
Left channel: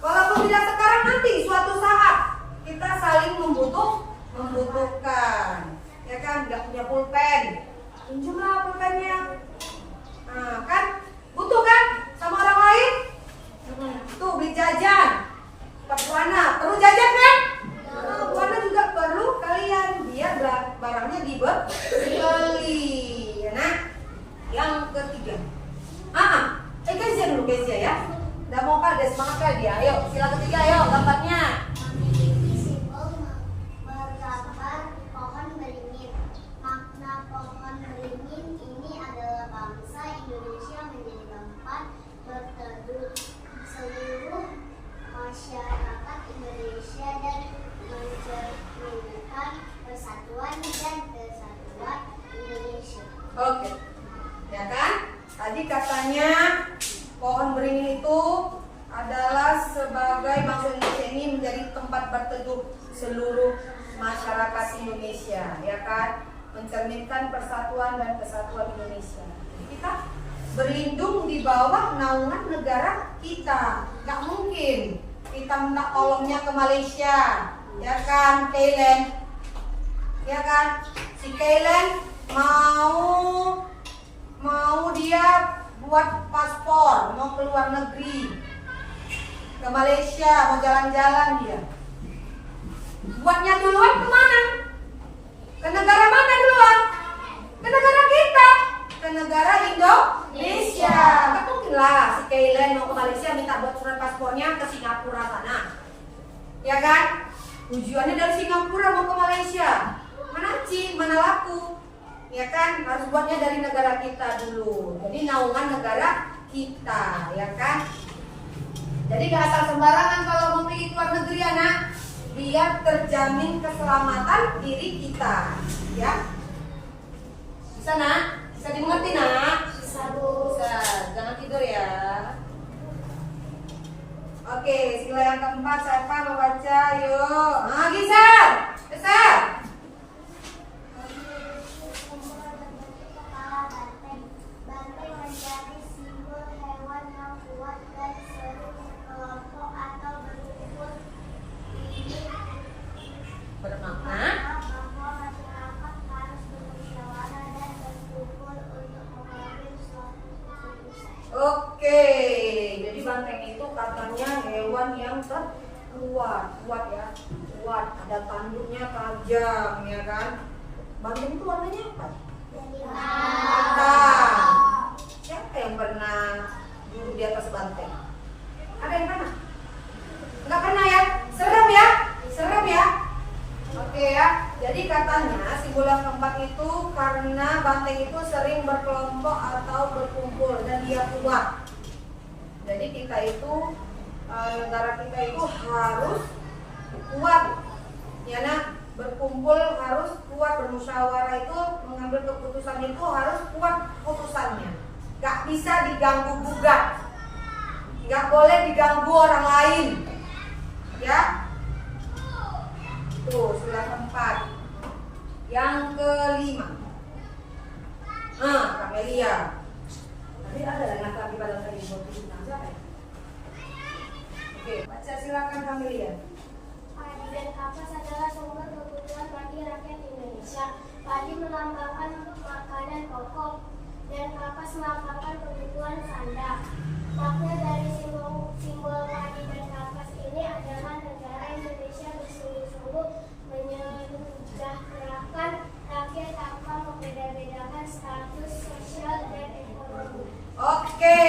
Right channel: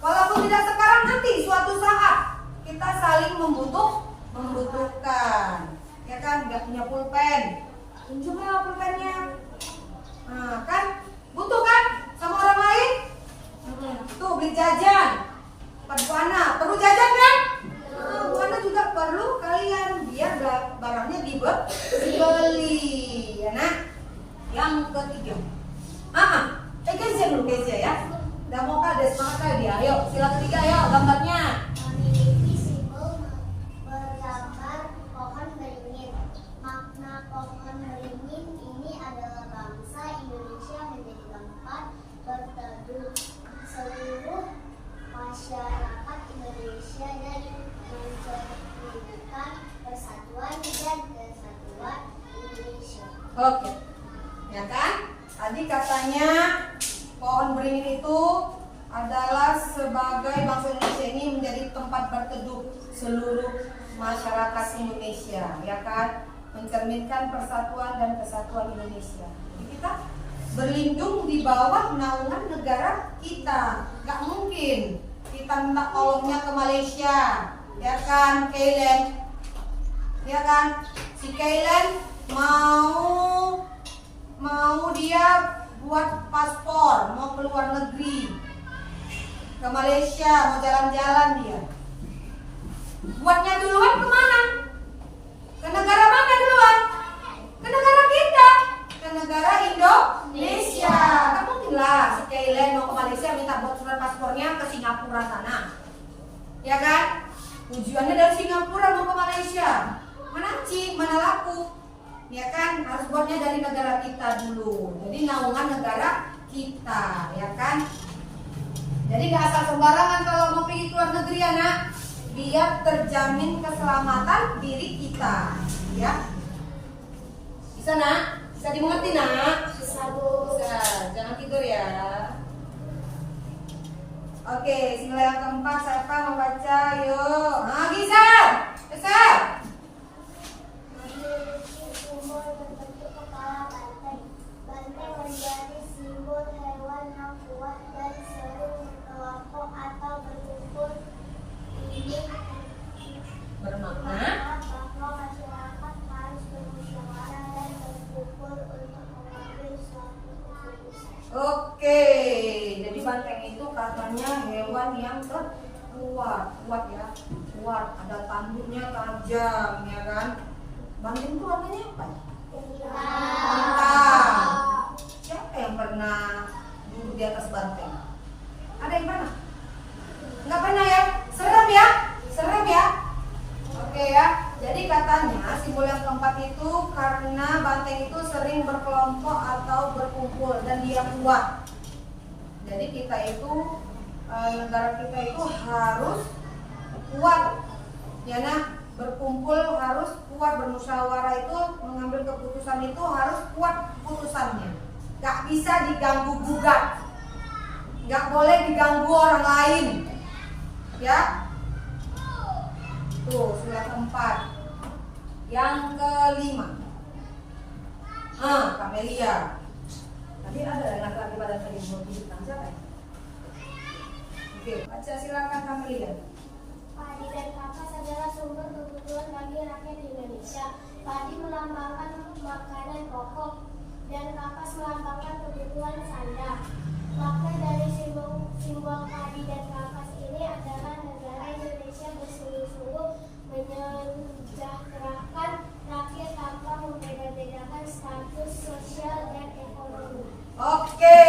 Walaupun tidak sekarang, nanti suatu saat kita saling membutuhkan. Ya kan, nggak punya pulpen. Tunjuklah pulpennya. Nah, kan butuh kan sama orang lain? Tuh beli jajan. Buana perlu jajan kan? Buana juga perlu kalian. Biar barangnya dibeli. Ya nak. Yang ketiga. Kezia dulu ya. Udah mau kades semangat dia. Ayo sila ketiga ayo gambarnya. Memiliki simbol bergambar pohon beringin. Makna pohon beringin ini adalah bangsa Indonesia menjadi tempat berteduh seluruh masyarakat Indonesia dan mencerminkan persatuan dan kesatuan Indonesia. Oke. Ya kan? Tadi katanya pohon beringin itu adalah sebagai bangsa Indonesia ini menjadi tempat berteduh seluruh masyarakat Indonesia, ya kan? Mencerminkan persatuan dan kesatuan Indonesia. Jadi kita berlindung di bawah naungan negara kita. Gak mungkin kita minta tolongnya ke Malaysia, ya kan, Kailen? Ya kan? Si Kailen mau dia buat paspor, mau ke luar negeri, ke Malaysia, mau jalan-jalan dia. Buatnya duluan kemana? Ke negara mana duluan? Ke negara kita, ke negara Indonesia. Kan mungkin lah si Kailen mau ke Malaysia minta buat surat paspornya ke Singapura sana, ya kan? Tujuannya dari Singapura mau ke Malaysia, mana cik, mana laku? Ya kan, harus buatnya dari negara kita dulu. Jadi naungan negara kita, ya kan? Jadi gak asal sembarangan kalau mau pergi ke luar negeri anak. Biar terjamin keselamatan diri kita, ya. Bisa nak? Bisa dimengerti nak? Bisa. Bisa, Bu. Bisa, jangan tidur ya. Oke, sila yang keempat siapa mau baca? Yuk. Nah, Gisel. Besar. Simbol berbentuk kepala banteng. Banteng menjadi simbol hewan yang kuat dan sering berkelompok atau berkumpul. Ini Bermakna bahwa masyarakat harus bermusyawarah dan berkumpul untuk mengambil suatu keputusan. oke, jadi banteng itu katanya hewan yang kuat ya, kuat. Ada tanduknya tajam ya kan. Banteng itu warnanya apa? Hitam. Siapa yang pernah duduk di atas banteng? Ada yang pernah? Nggak pernah ya? Serem ya? Serem ya? Oke ya. Jadi katanya simbol yang keempat itu karena banteng itu sering berkelompok atau berkumpul dan dia kuat. Jadi kita itu negara kita itu harus kuat, ya nak, berkumpul harus kuat, bermusyawarah itu mengambil keputusan itu harus kuat putusannya, gak bisa diganggu gugat, gak boleh diganggu orang lain, ya. Tuh sila keempat. Yang kelima, Kamelia. Tadi ada yang lagi pada tadi mau tujuh siapa ya? Oke, baca silakan Kamelia. Padi dan kapas adalah sumber kebutuhan bagi rakyat Indonesia. Padi melambangkan makanan pokok dan kapas melambangkan kebutuhan sandang. Makna dari simbol padi dan kapas ini adalah negara Indonesia bersungguh-sungguh menyejahterakan rakyat tanpa membeda-bedakan status sosial dan ekonomi. Oke,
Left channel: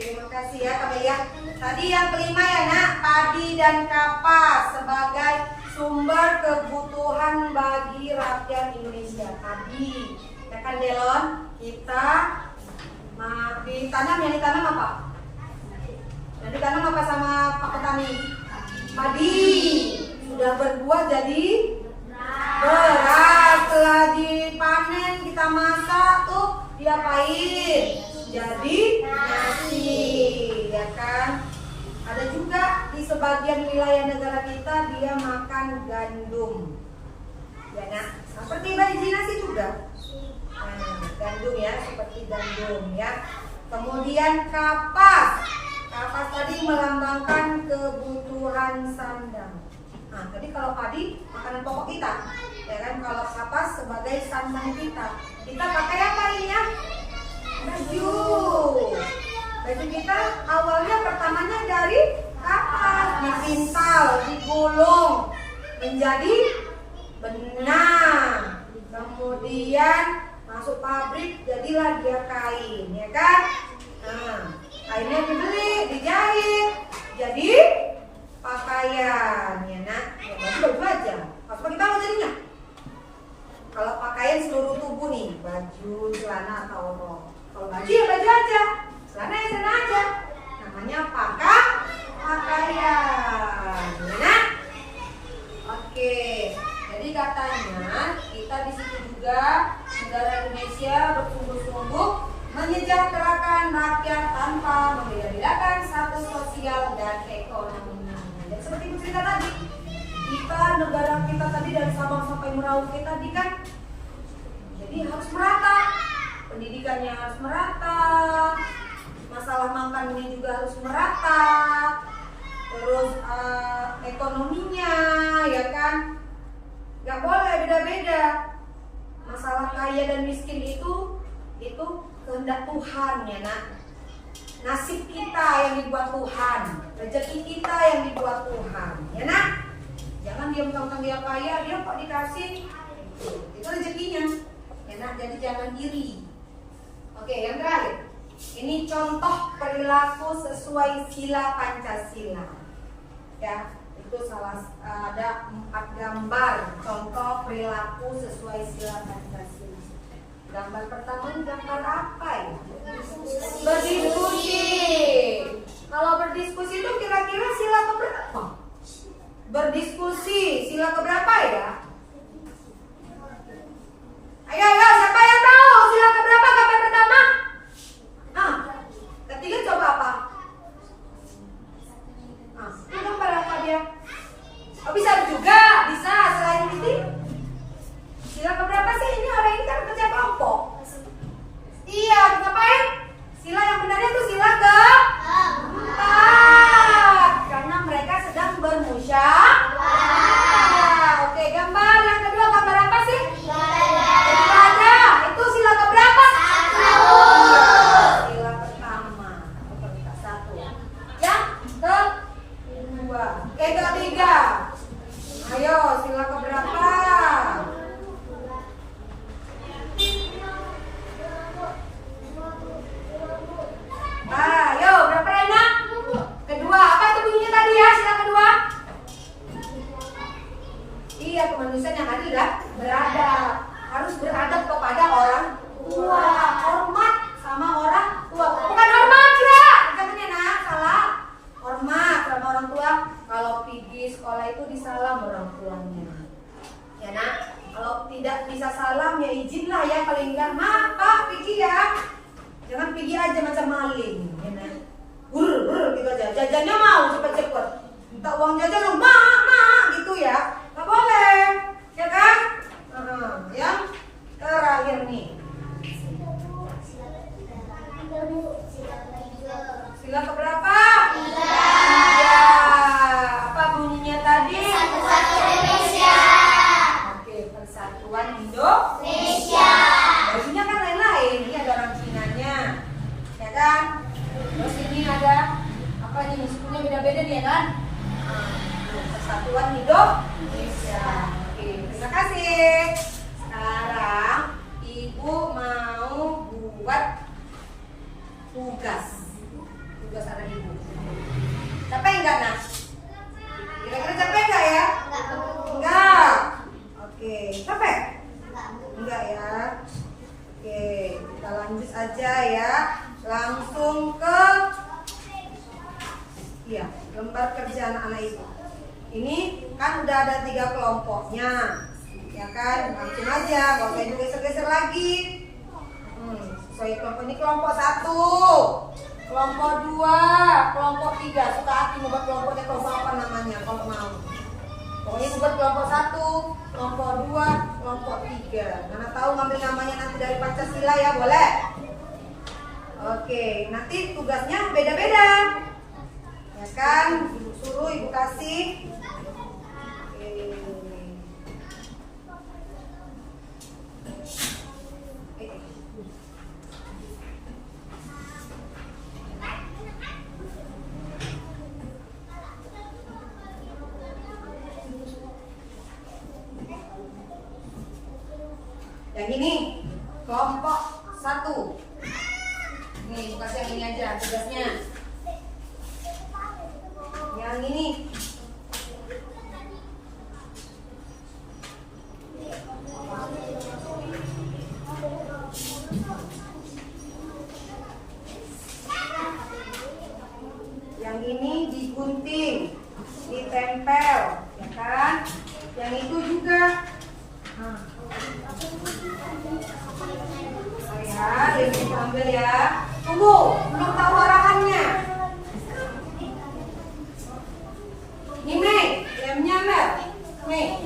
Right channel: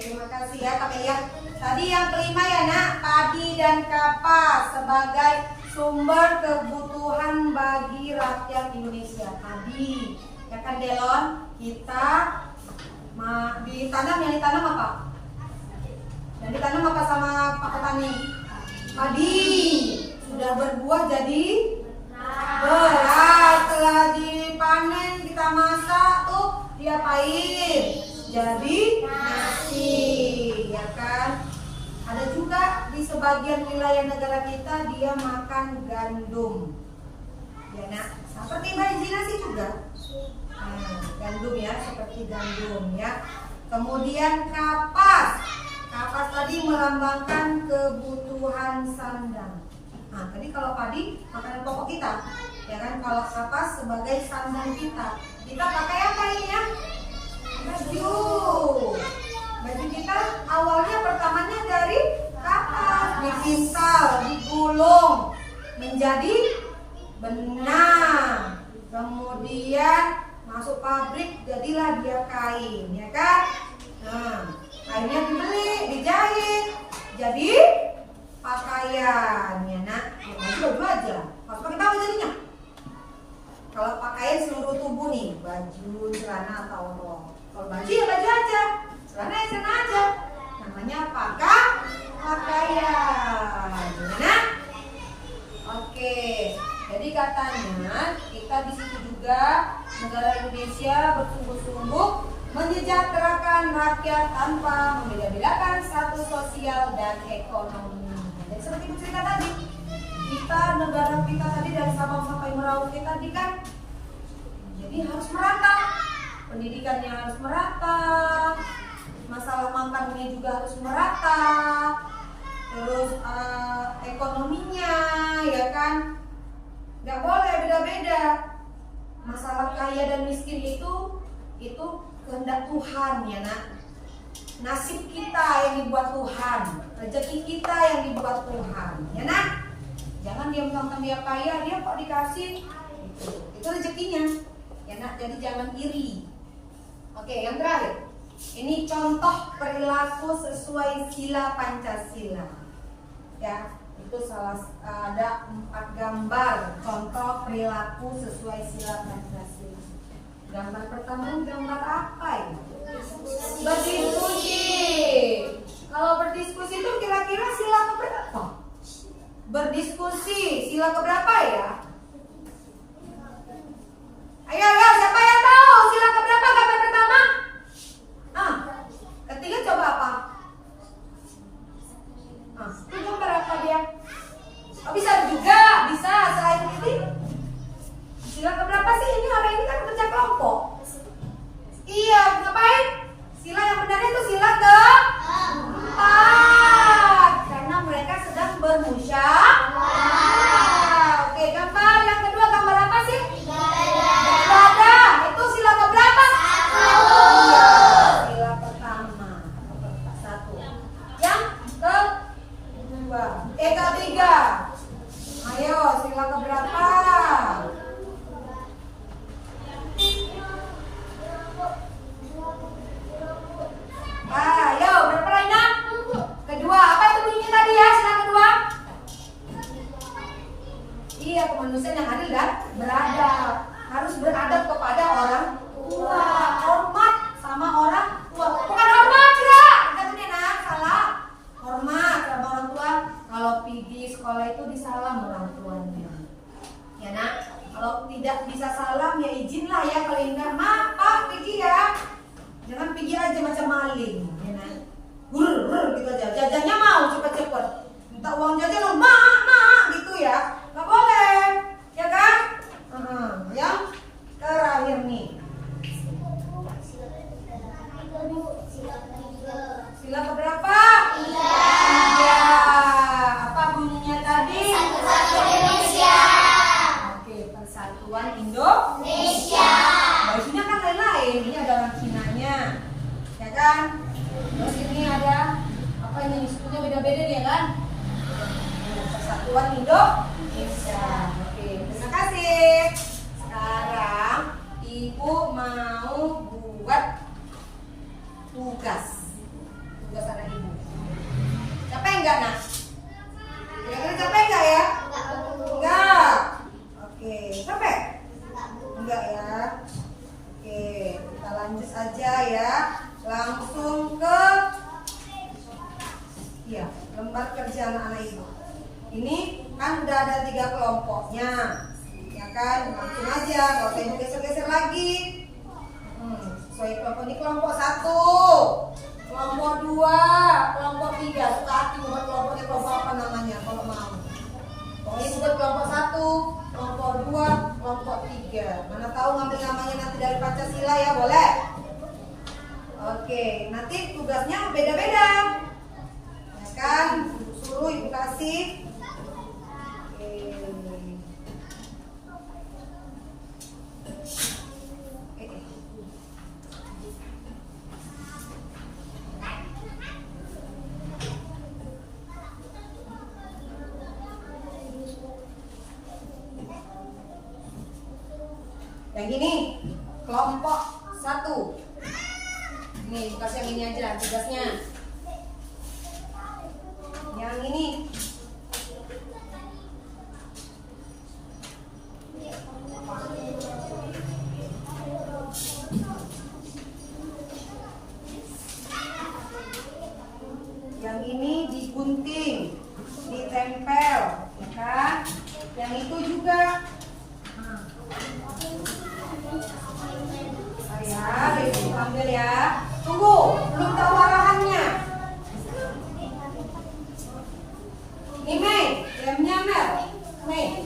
terima kasih ya Kamelia. Tadi yang kelima ya nak, padi dan kapas sebagai sumber kebutuhan bagi rakyat Indonesia. Padi, ya kan Delon? Kita ditanam, yang ditanam apa? Yang ditanam apa sama Pak Petani? Padi. Sudah berbuah jadi beras. Setelah dipanen kita masak tuh diapain? Jadi nasi, ya kan? Ada juga di sebagian wilayah negara kita dia makan gandum, ya nak, seperti biji nasi juga. Gandum ya, seperti gandum ya. Kemudian kapas, kapas tadi melambangkan kebutuhan sandang. Nah, tadi kalau padi makanan pokok kita, ya kan? Kalau kapas sebagai sandang kita. Kita pakai apa ini ya? Baju. Baju kita awalnya pertamanya dari kapas, dipintal, digulung menjadi benang. Kemudian masuk pabrik jadilah dia kain, ya kan? Nah, kainnya dibeli, dijahit, jadi pakaian, ya nak. Baju aja, harus pakai apa jadinya? Kalau pakaian seluruh tubuh nih, baju, celana atau rok. Kalau baju ya baju aja, celana ya celana aja. Namanya pakaian, gimana? Oke, jadi katanya kita di situ juga negara Indonesia bersungguh-sungguh menyejahterakan rakyat tanpa membeda-bedakan status sosial dan ekonomi. Dan seperti cerita tadi, kita negara kita tadi dari Sabang sampai Merauke tadi kan, jadi harus merata, pendidikannya harus merata, masalah makannya juga harus merata, terus ekonominya, ya kan, nggak boleh beda-beda. Masalah kaya dan miskin itu kehendak Tuhan, ya nak. Nasib kita yang dibuat Tuhan, rezeki kita yang dibuat Tuhan, ya nak. Jangan dia mentang-mentang dia kaya, dia kok dikasih, itu rezekinya, ya nak. Jadi jangan iri. Oke, yang terakhir, ini contoh perilaku sesuai sila Pancasila, ya. Itu ada 4 gambar contoh perilaku sesuai sila Pancasila. Gambar pertama gambar apa ya? Berdiskusi. Kalau berdiskusi itu kira-kira sila keberapa? Berdiskusi sila keberapa ya? Ayo, siapa yang tahu sila keberapa gambar pertama? minta uang jajan loh, mak gitu ya, nggak boleh, ya kan? Yang terakhir nih, sila keberapa? Tiga. Apa bunyinya tadi? Satu Indonesia. Oke, Persatuan Indonesia. Bajunya kan lain-lain, ini ada orang Cinanya, ya kan? Terus ini ada apa ini? Sukunya beda-beda nih ya kan? Persatuan Indonesia. Oke, terima kasih. Sekarang Ibu mau buat tugas anak Ibu. Capek enggak nak? Kira-kira capek enggak ya? Enggak. Oke, capek? Enggak ya. Oke, kita lanjut saja ya. Langsung ke lembar kerja anak-anak Ibu. Ini kan udah ada 3 kelompoknya, ya kan? Langsung aja, nggak usah geser-geser lagi. Sesuai kelompok ini, kelompok 1, kelompok 2, kelompok 3. Suka hati membuat kelompoknya kelompok apa namanya kalau mau. Pokoknya buat kelompok 1, kelompok 2, kelompok 3. Mana tahu ngambil namanya nanti dari Pancasila ya, boleh? Oke, nanti tugasnya beda-beda. Ya kan? Ibu suruh, Ibu kasih. Yang ini kelompok 1. Nih, kasih yang ini aja tugasnya. Yang ini digunting, ditempel, ya kan? Yang itu juga. Ya, Ibu ambil ya. Tunggu, belum tahu arahannya. Nih Mei, lemnya Mel. Mei.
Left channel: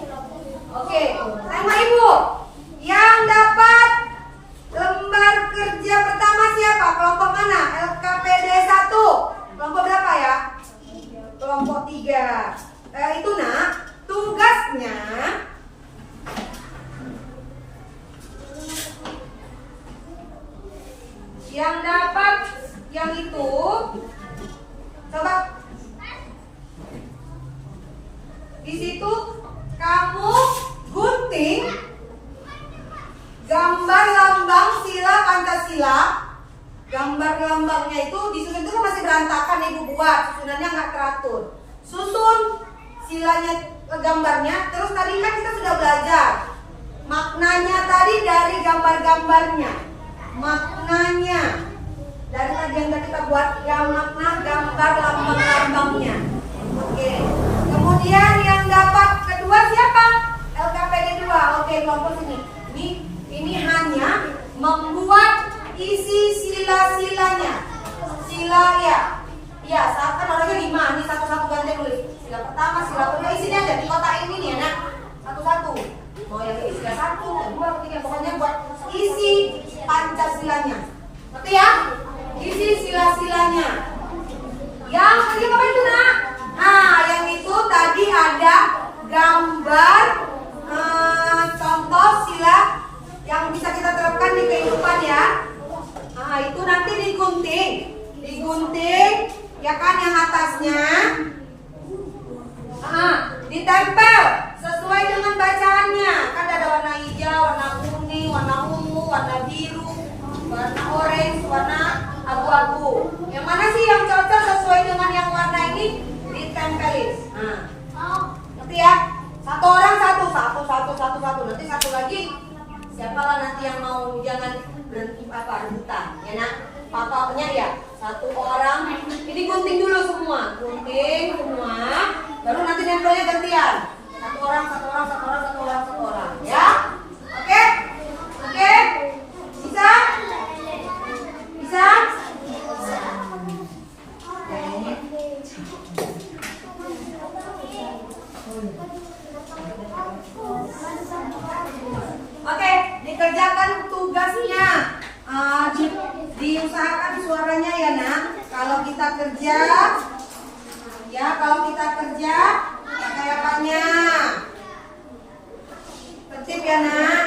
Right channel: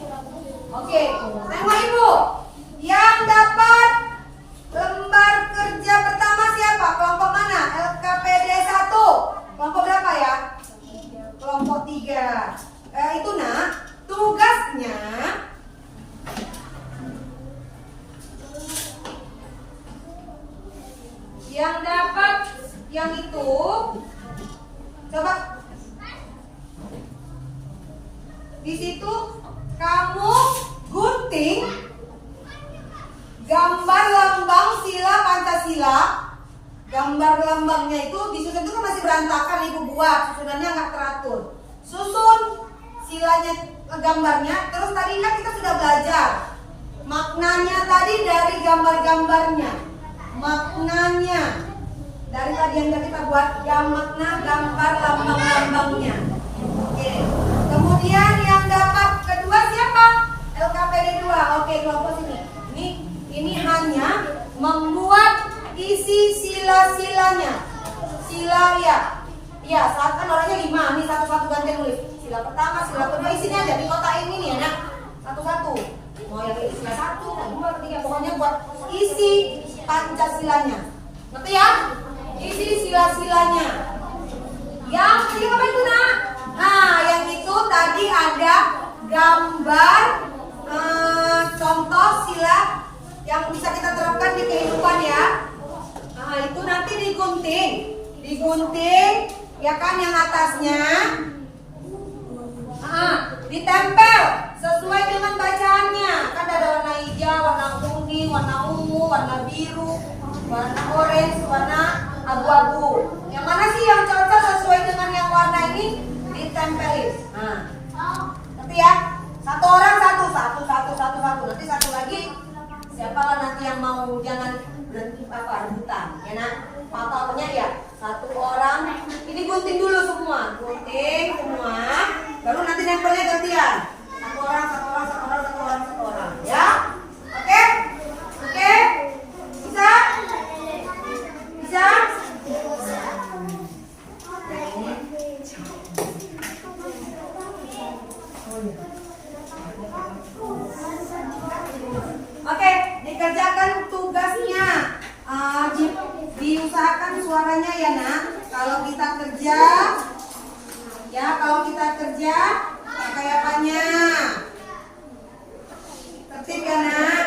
Oke, tembak Ibu. Yang dapat lembar kerja pertama siapa? Kelompok mana? LKPD 1. Kelompok berapa ya? Kelompok 3. Itu nak, tugasnya yang dapat yang itu, coba di situ kamu gunting gambar lambang sila Pancasila. Gambar lambangnya itu disusun, itu kan masih berantakan, Ibu buat susunannya nggak teratur. Susun silanya, gambarnya. Terus tadi kan kita sudah belajar maknanya tadi dari gambar-gambarnya. Maknanya dari tadi yang kita buat, makna gambar lambang-lambangnya. Oke. Kemudian yang dapat kedua siapa? LKPD 2. Oke, kelompok sini. Ini hanya membuat isi sila-silanya. Sila ya. Ya, saat kan orangnya 5. Nih satu-satu ganti nulis. Sila pertama, sila kedua, isinya aja di kotak ini nih, Nak. Satu-satu. Mau yang sila 1, 2, 3, pokoknya buat isi Pancasilanya. Ngerti ya? Isi sila-silanya. Yang ketiga apa itu, Nak? Nah, yang itu tadi ada gambar contoh sila yang bisa kita terapkan di kehidupan ya. Nah, itu nanti digunting, ya kan, yang atasnya. Ditempel sesuai dengan bacaannya. Kan ada warna hijau, warna kuning, warna ungu, warna biru, warna orange, warna abu-abu. Yang mana sih yang cocok sesuai dengan yang warna ini? Ditempelin. Nanti ya, satu orang satu. Nanti satu lagi. Siapalah nanti yang mau, jangan berhenti rebutan, ya nak. Papanya ya, satu orang. Ini gunting dulu semua, baru nanti nempelnya gantian. Satu orang, ya. Oke? Bisa? kerja, ya kalau kita kerja pakai apanya? Tertib ya nak.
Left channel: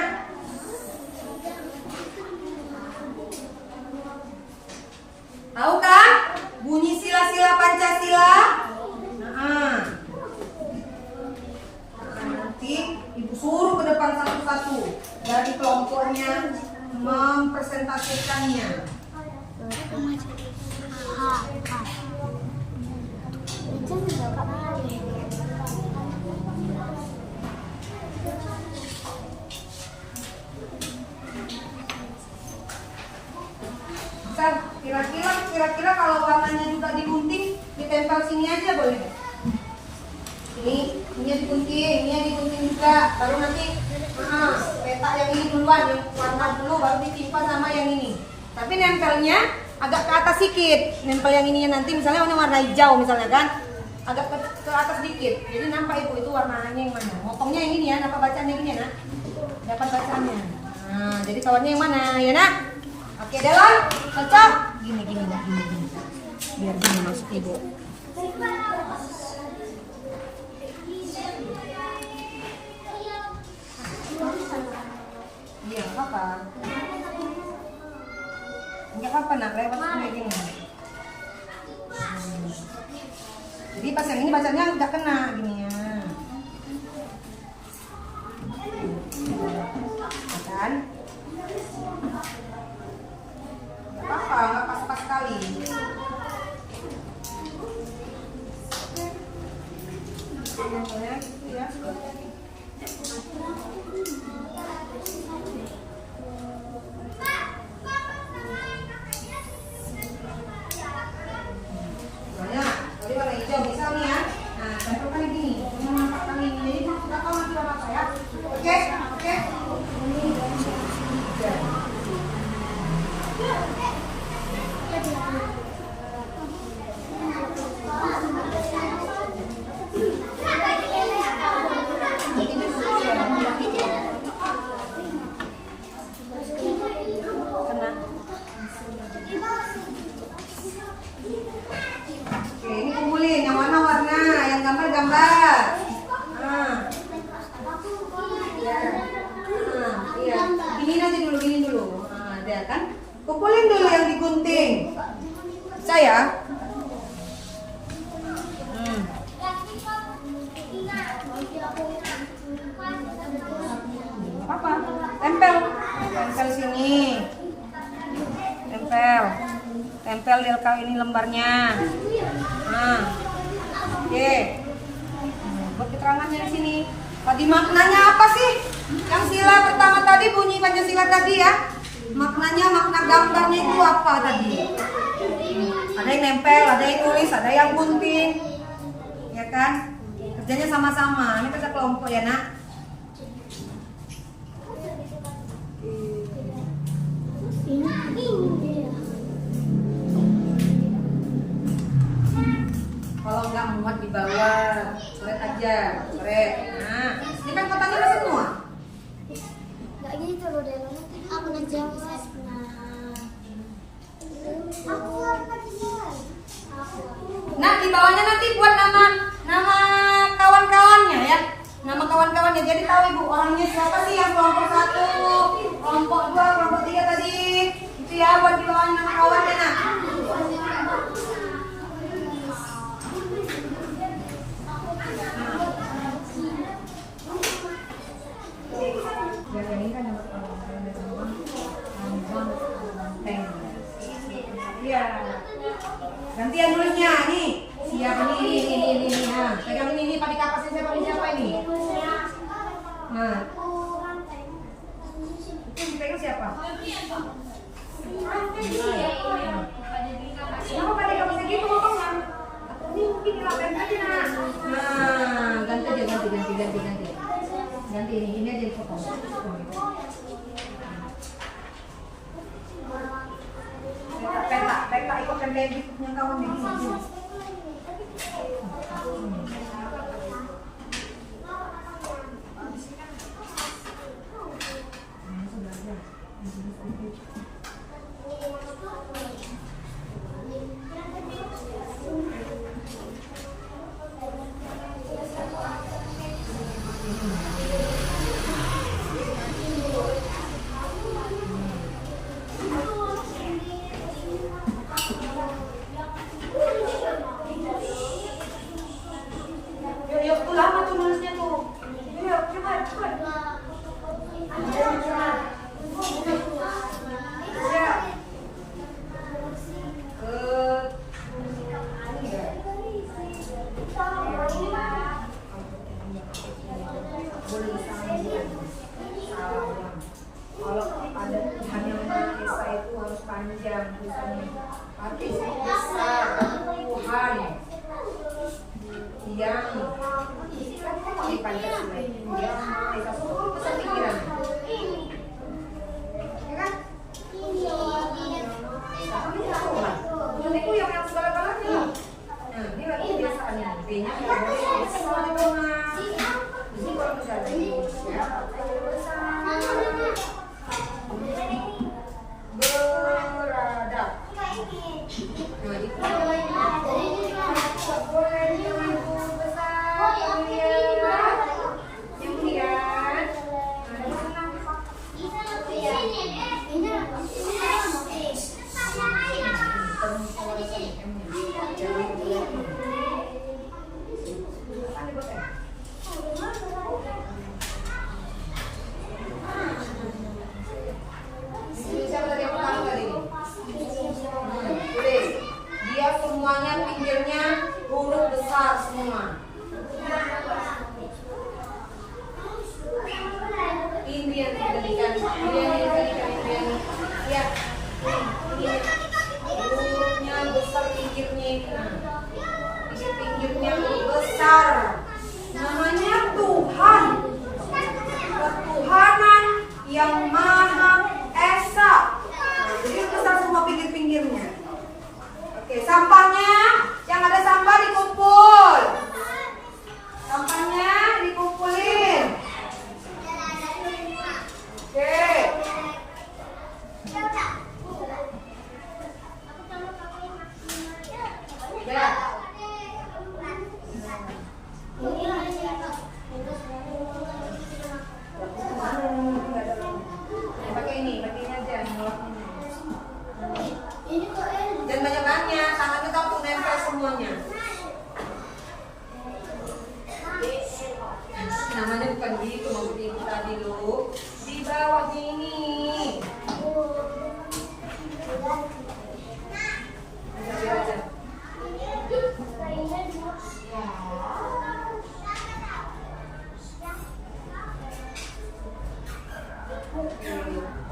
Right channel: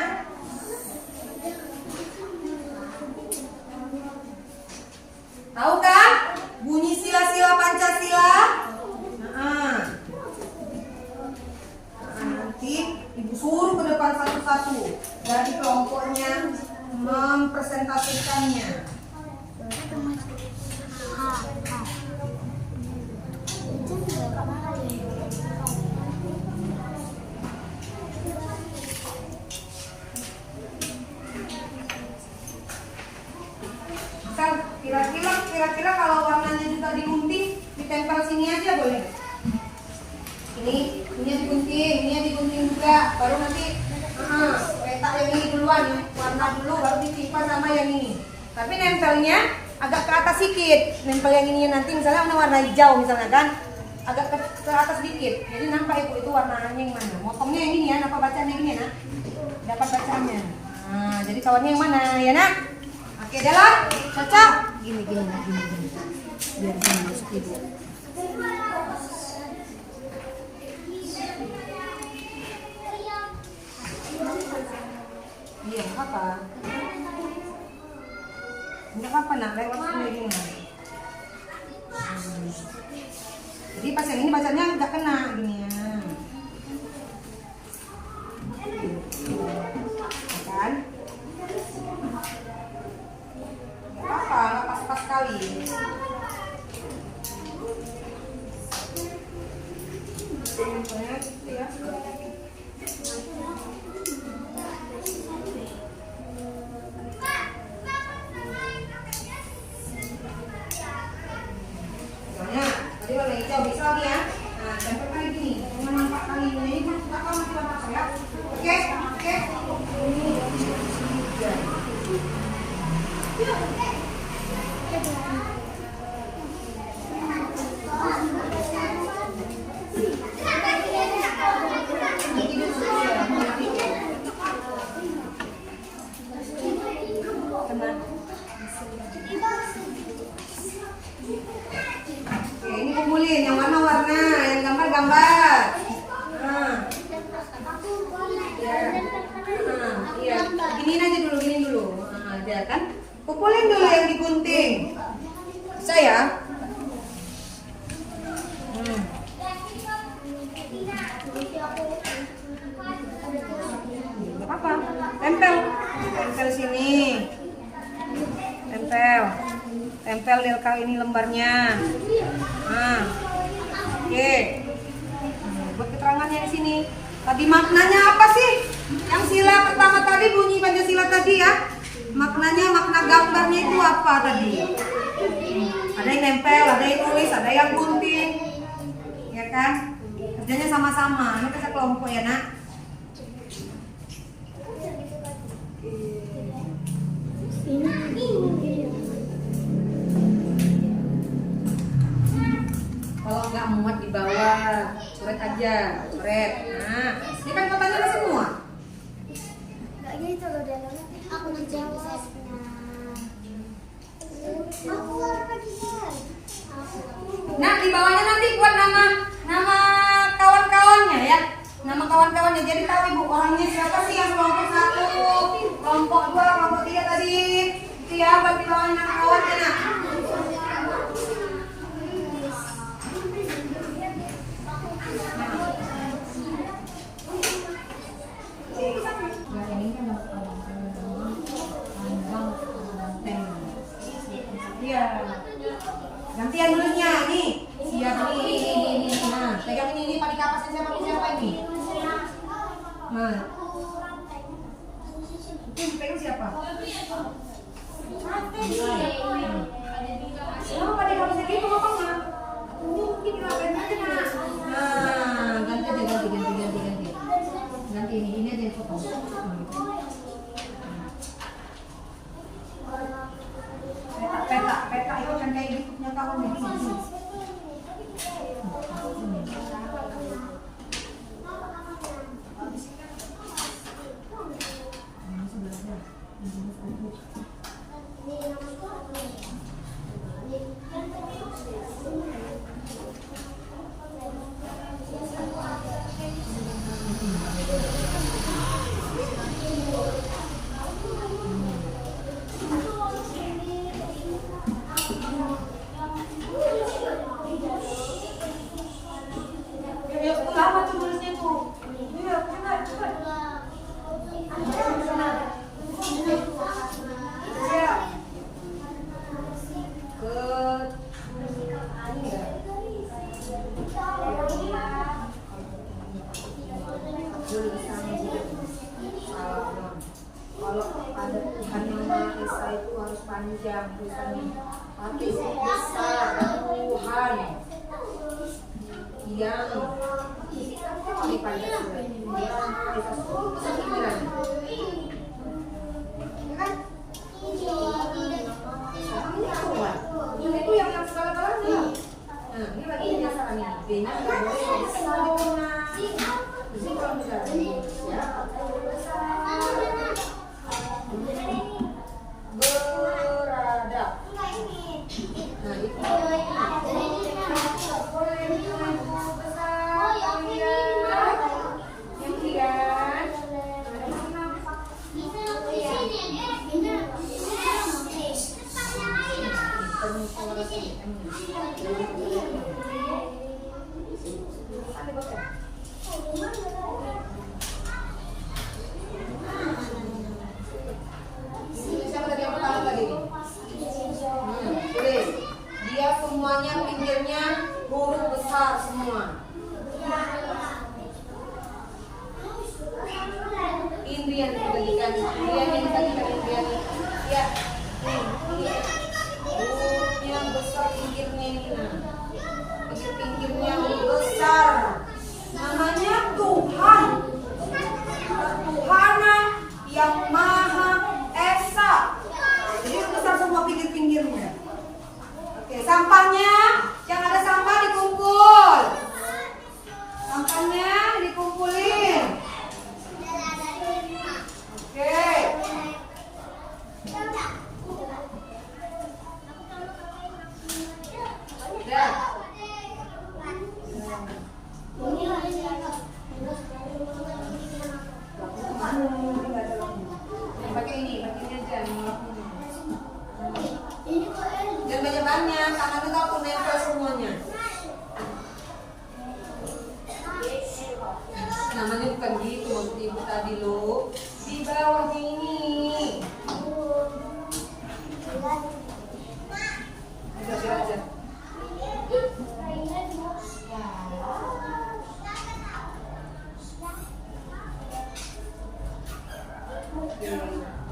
Tahu kan bunyi sila-sila Pancasila? Nah, nanti ibu suruh ke depan satu-satu dari kelompoknya mempresentasikannya. Kira-kira kalau warnanya juga digunting, ditempel sini aja boleh? Ini digunting juga, baru nanti petak yang ini duluan ya, warna dulu baru ditimpa sama yang ini. Tapi nempelnya agak ke atas sedikit, nempel yang ini nanti misalnya warna hijau misalnya kan, agak ke atas sedikit. Jadi nampak ibu itu warnanya yang mana? Motongnya yang ini ya, dapat bacanya ini ya nak? Dapat bacanya. Nah, jadi kawarnya yang mana ya nak? Oke Dela, cocok? Gini. Biar gini masuk ibu. Iya, apa? Enggak apa nak, lewat sini gini. Jadi pas yang ini bacanya enggak kena gini ya. Kan? Enggak apa-apa, enggak pas-pas sekali. Contohnya gitu ya. Tadi warna hijau bisa nih ya. Nah, tempelkan gini, cuma nampak kali ini. Jadi kita tahu nanti warna apa ya. Oke. Ini kumpulin yang warna-warna, yang gambar-gambar. Iya, gini dulu. Nah, dia kan kumpulin dulu yang digunting. Bisa ya? Gak apa-apa. Tempel sini. Tempel Delka ini lembarnya. Nah, oke. Buat keterangannya di sini. Tadi maknanya apa sih? Yang sila pertama tadi bunyi Pancasila tadi ya. Maknanya, makna gambarnya itu apa tadi? Ada yang nempel, ada yang tulis, ada yang gunting. Ya kan? Kerjanya sama-sama. Ini kerja kelompok ya nak. Kalau nggak muat di bawah, coret aja, coret. Nah, ini kan kotaknya udah semua. Nggak gitu loh dia. Aku udah jawab. Aku warna dia. Nah, di bawahnya nanti buat nama kawan-kawannya ya. Nama kawan-kawannya. Jadi tahu ibu orangnya siapa sih yang kelompok 1, kelompok 2, kelompok 3 tadi. Itu ya buat di bawahnya nama kawannya nak. Iya. Gantian nulisnya nih. Siapa ini. Nah, pegang ini pakai kapasnya siapa ini? Nah. Itu pegang siapa? Kenapa pakai kapasnya gitu ngomongnya? Ini mungkin dilakukan aja nak. Nah, ganti. Ganti ini aja foto. Peta itu kan kayak gitu punya kawan begini. Tuhan yang di Pancasila, yang bisa seluruh pikiran, ya kan? Tuhan itu yang segala-galanya. Nah, ini lagi kebiasaan ini. B-nya nggak boleh besar di tengah. Ini kalau misalnya ya, berada. Nah, itu boleh itu besar. Kemudian siapa tadi yang pertama tadi? Tulis. Dia semuanya pinggirnya huruf besar semua. Indrian tadi kan, Indrian. Ya. Hurufnya besar pinggirnya ini. Pinggirnya besar. Namanya Tuhan. Ketuhanan yang Maha Esa. Jadi besar semua pinggir-pinggirnya. Oke, sampahnya yang ada sampah dikumpul. Sampahnya dikumpulin. Oke. Ya. Pakai ini aja. Dan banyak-banyak, tangan kita untuk nempel semuanya. Namanya bukan gitu, maksud ibu tadi lu. Di bawahnya ini. Bisa aja.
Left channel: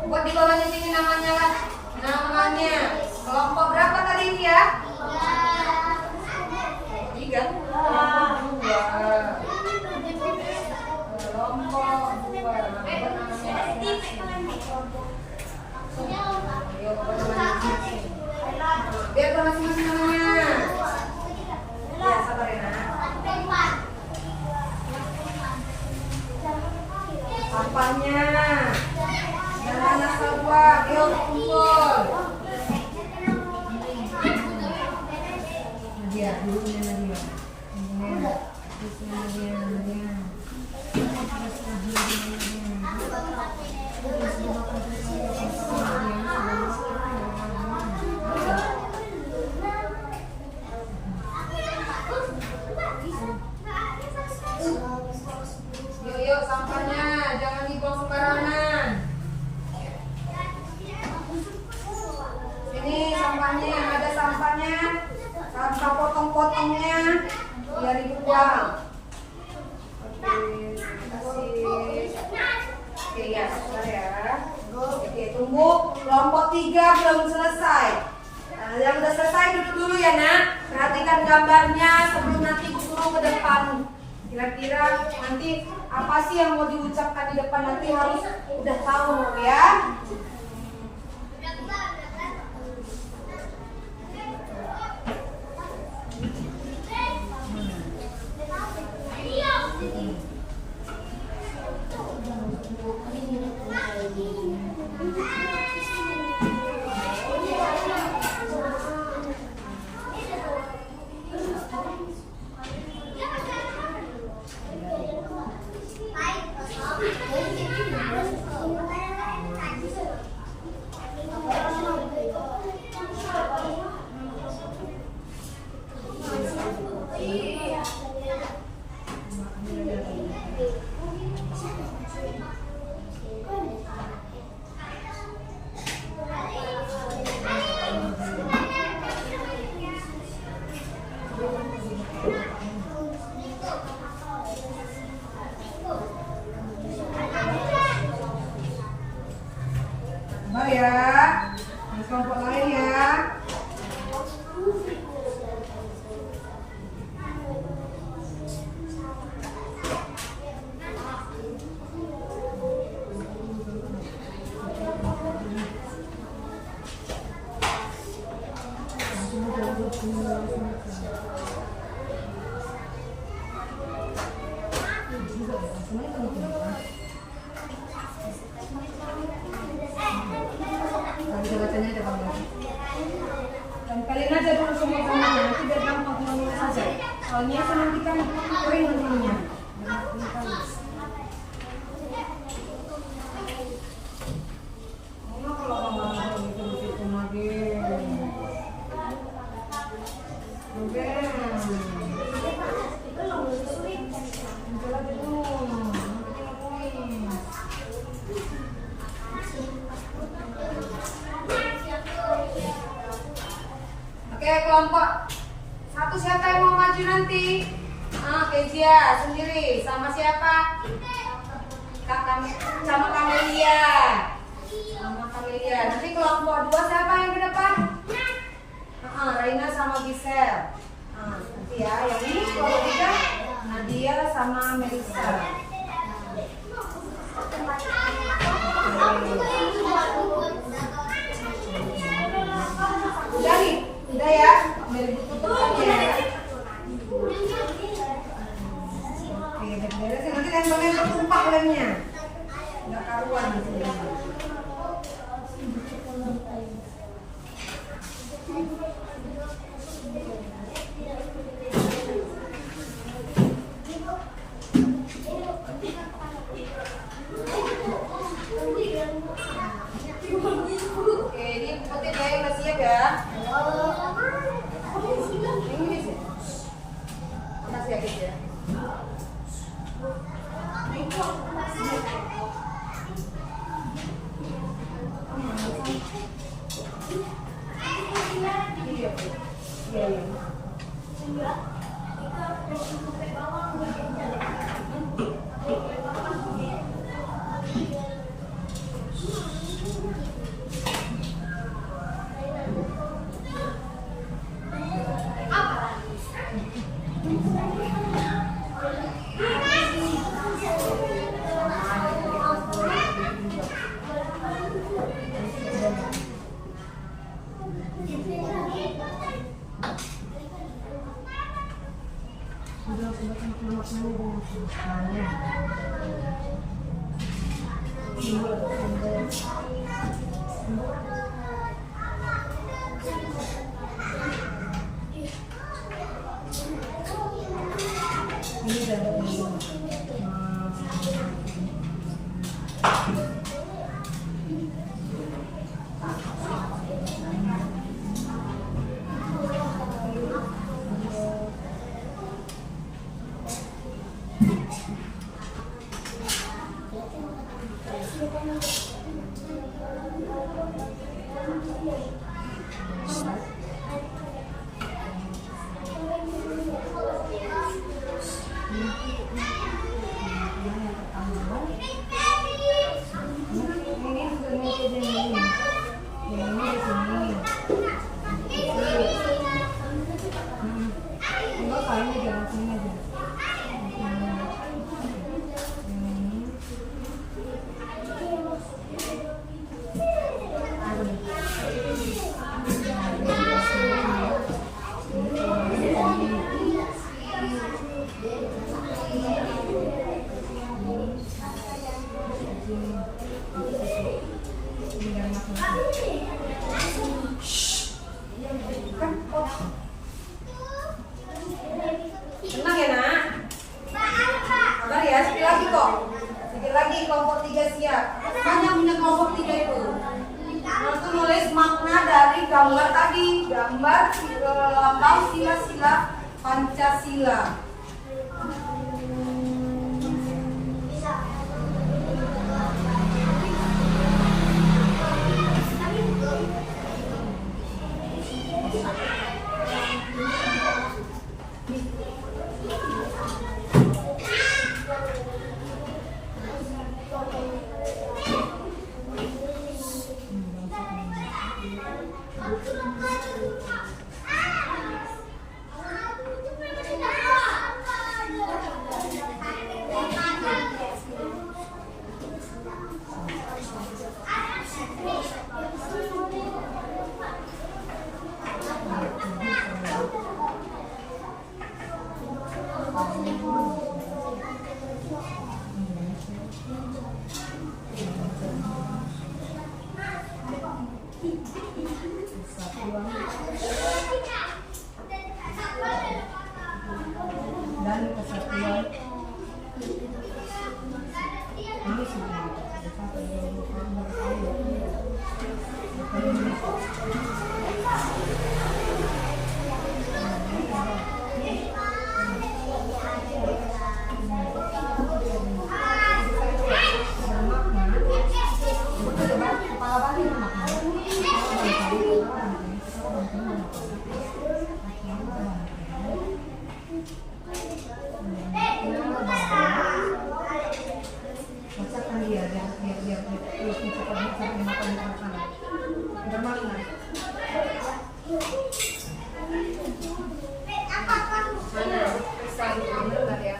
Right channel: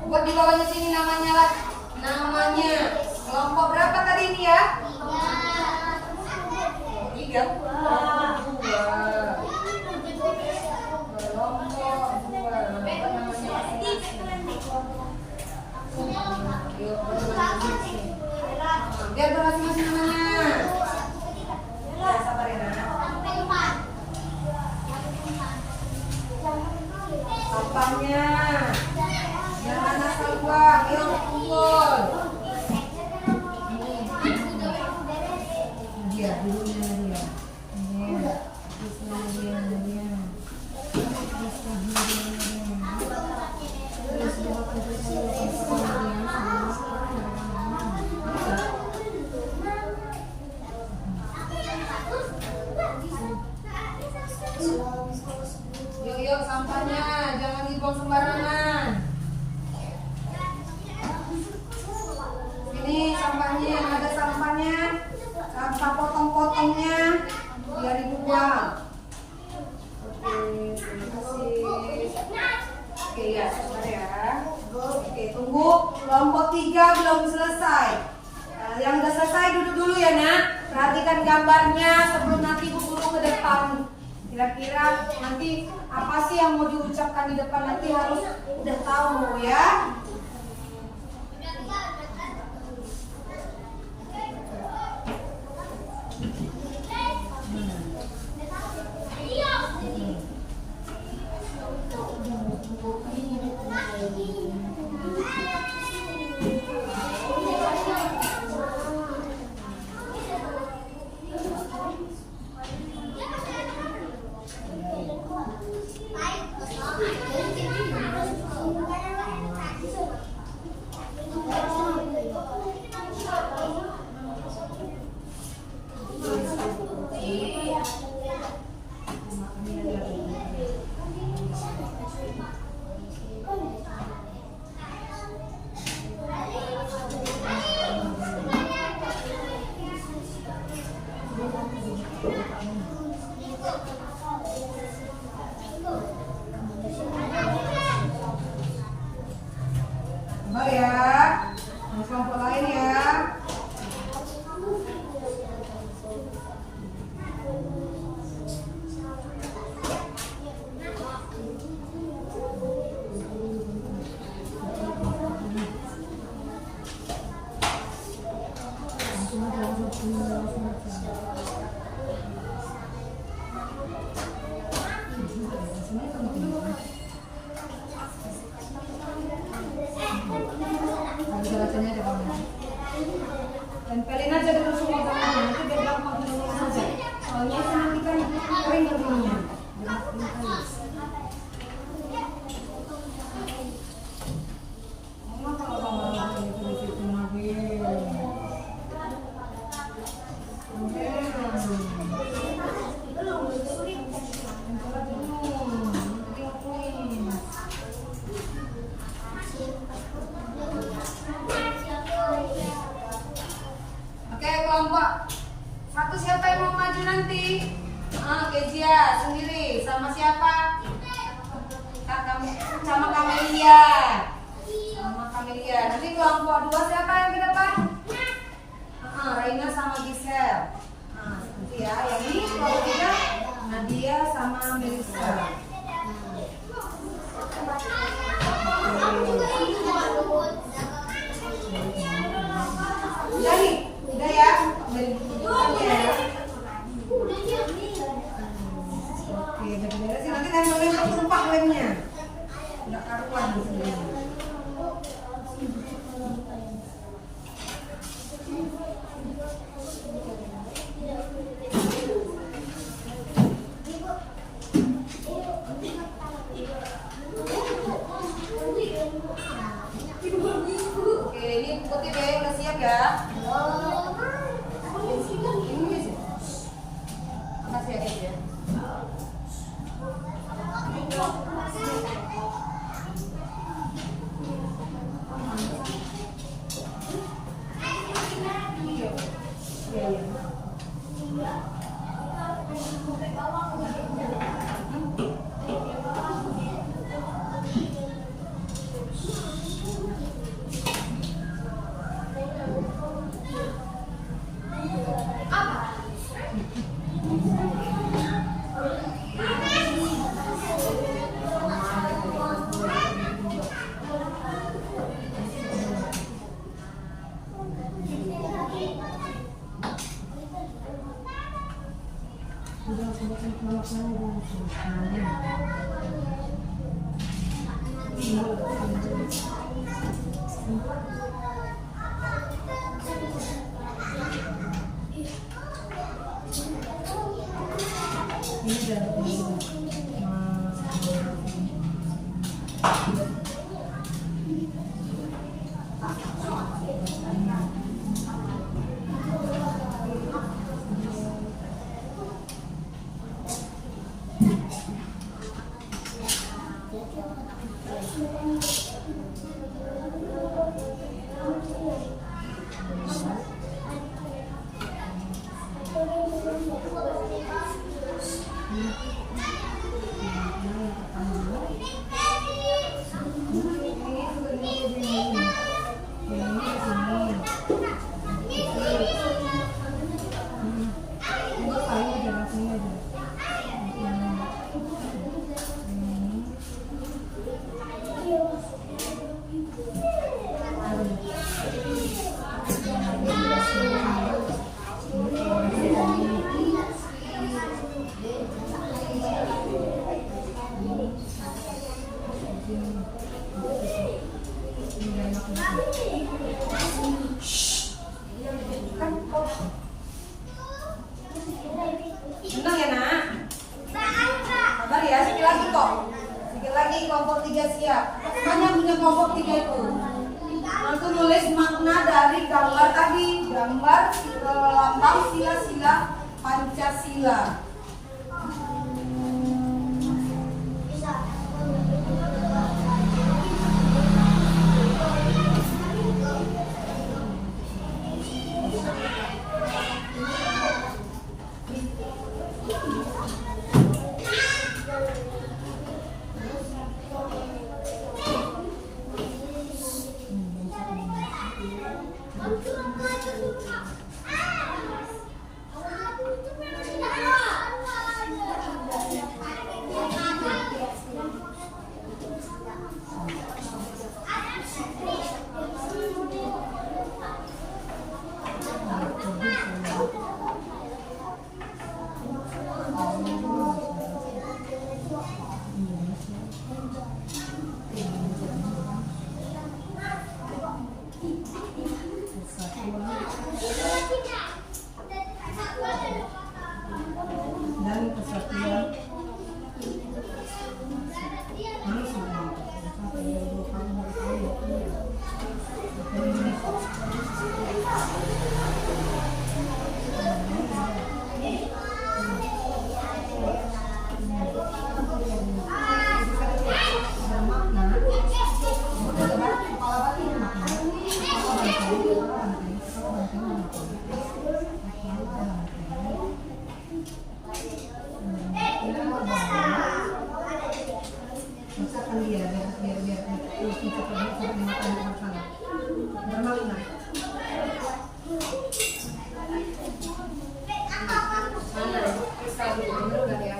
Buat di bawahnya sini namanya lah. Namanya kelompok berapa tadi ini ya? 3. Kelompok 2. Apa namanya? Biar bermasing-masing namanya. Ya, sabar ya. Sampahnya. Yang mana keluar? Yuk kumpul. Dia dulunya dia. Yuk sampahnya jangan dibuang sembarangan. Ini sampahnya yang ada sampahnya, sampah potong-potongnya biar dibuang. Oke, terima kasih. Oke ya, sebentar ya. Oke, tunggu kelompok 3 belum selesai. Nah, yang udah selesai duduk dulu ya nak. Perhatikan gambarnya sebelum nanti ibu suruh ke depan. Kira-kira nanti apa sih yang mau diucapkan di depan nanti harus udah tahu ya. Oke. Oke, kelompok satu siapa yang mau maju nanti? Kezia sendiri sama siapa? Sama Kamelia. Sama Kamelia. Nanti kelompok 2 siapa yang di depan? Raina sama Gisel. Nanti ya, yang ini kelompok 3 Nadia sama Melissa. Udah nih, udah ya. Oke, beres sih nanti tempelin tumpah lemnya. Enggak karuan di sini. Oke, ini putih dia yang udah siap ya. Ini sih. Kasih ya guys ya. Iya. Senang ya nak? Sabar ya, sedikit lagi kok. Sedikit lagi kelompok 3 siap. Mana punya kelompok 3 itu? Nanti nulis makna dari gambar tadi. Gambar lambang sila-sila Pancasila. kali, bener nggak ya?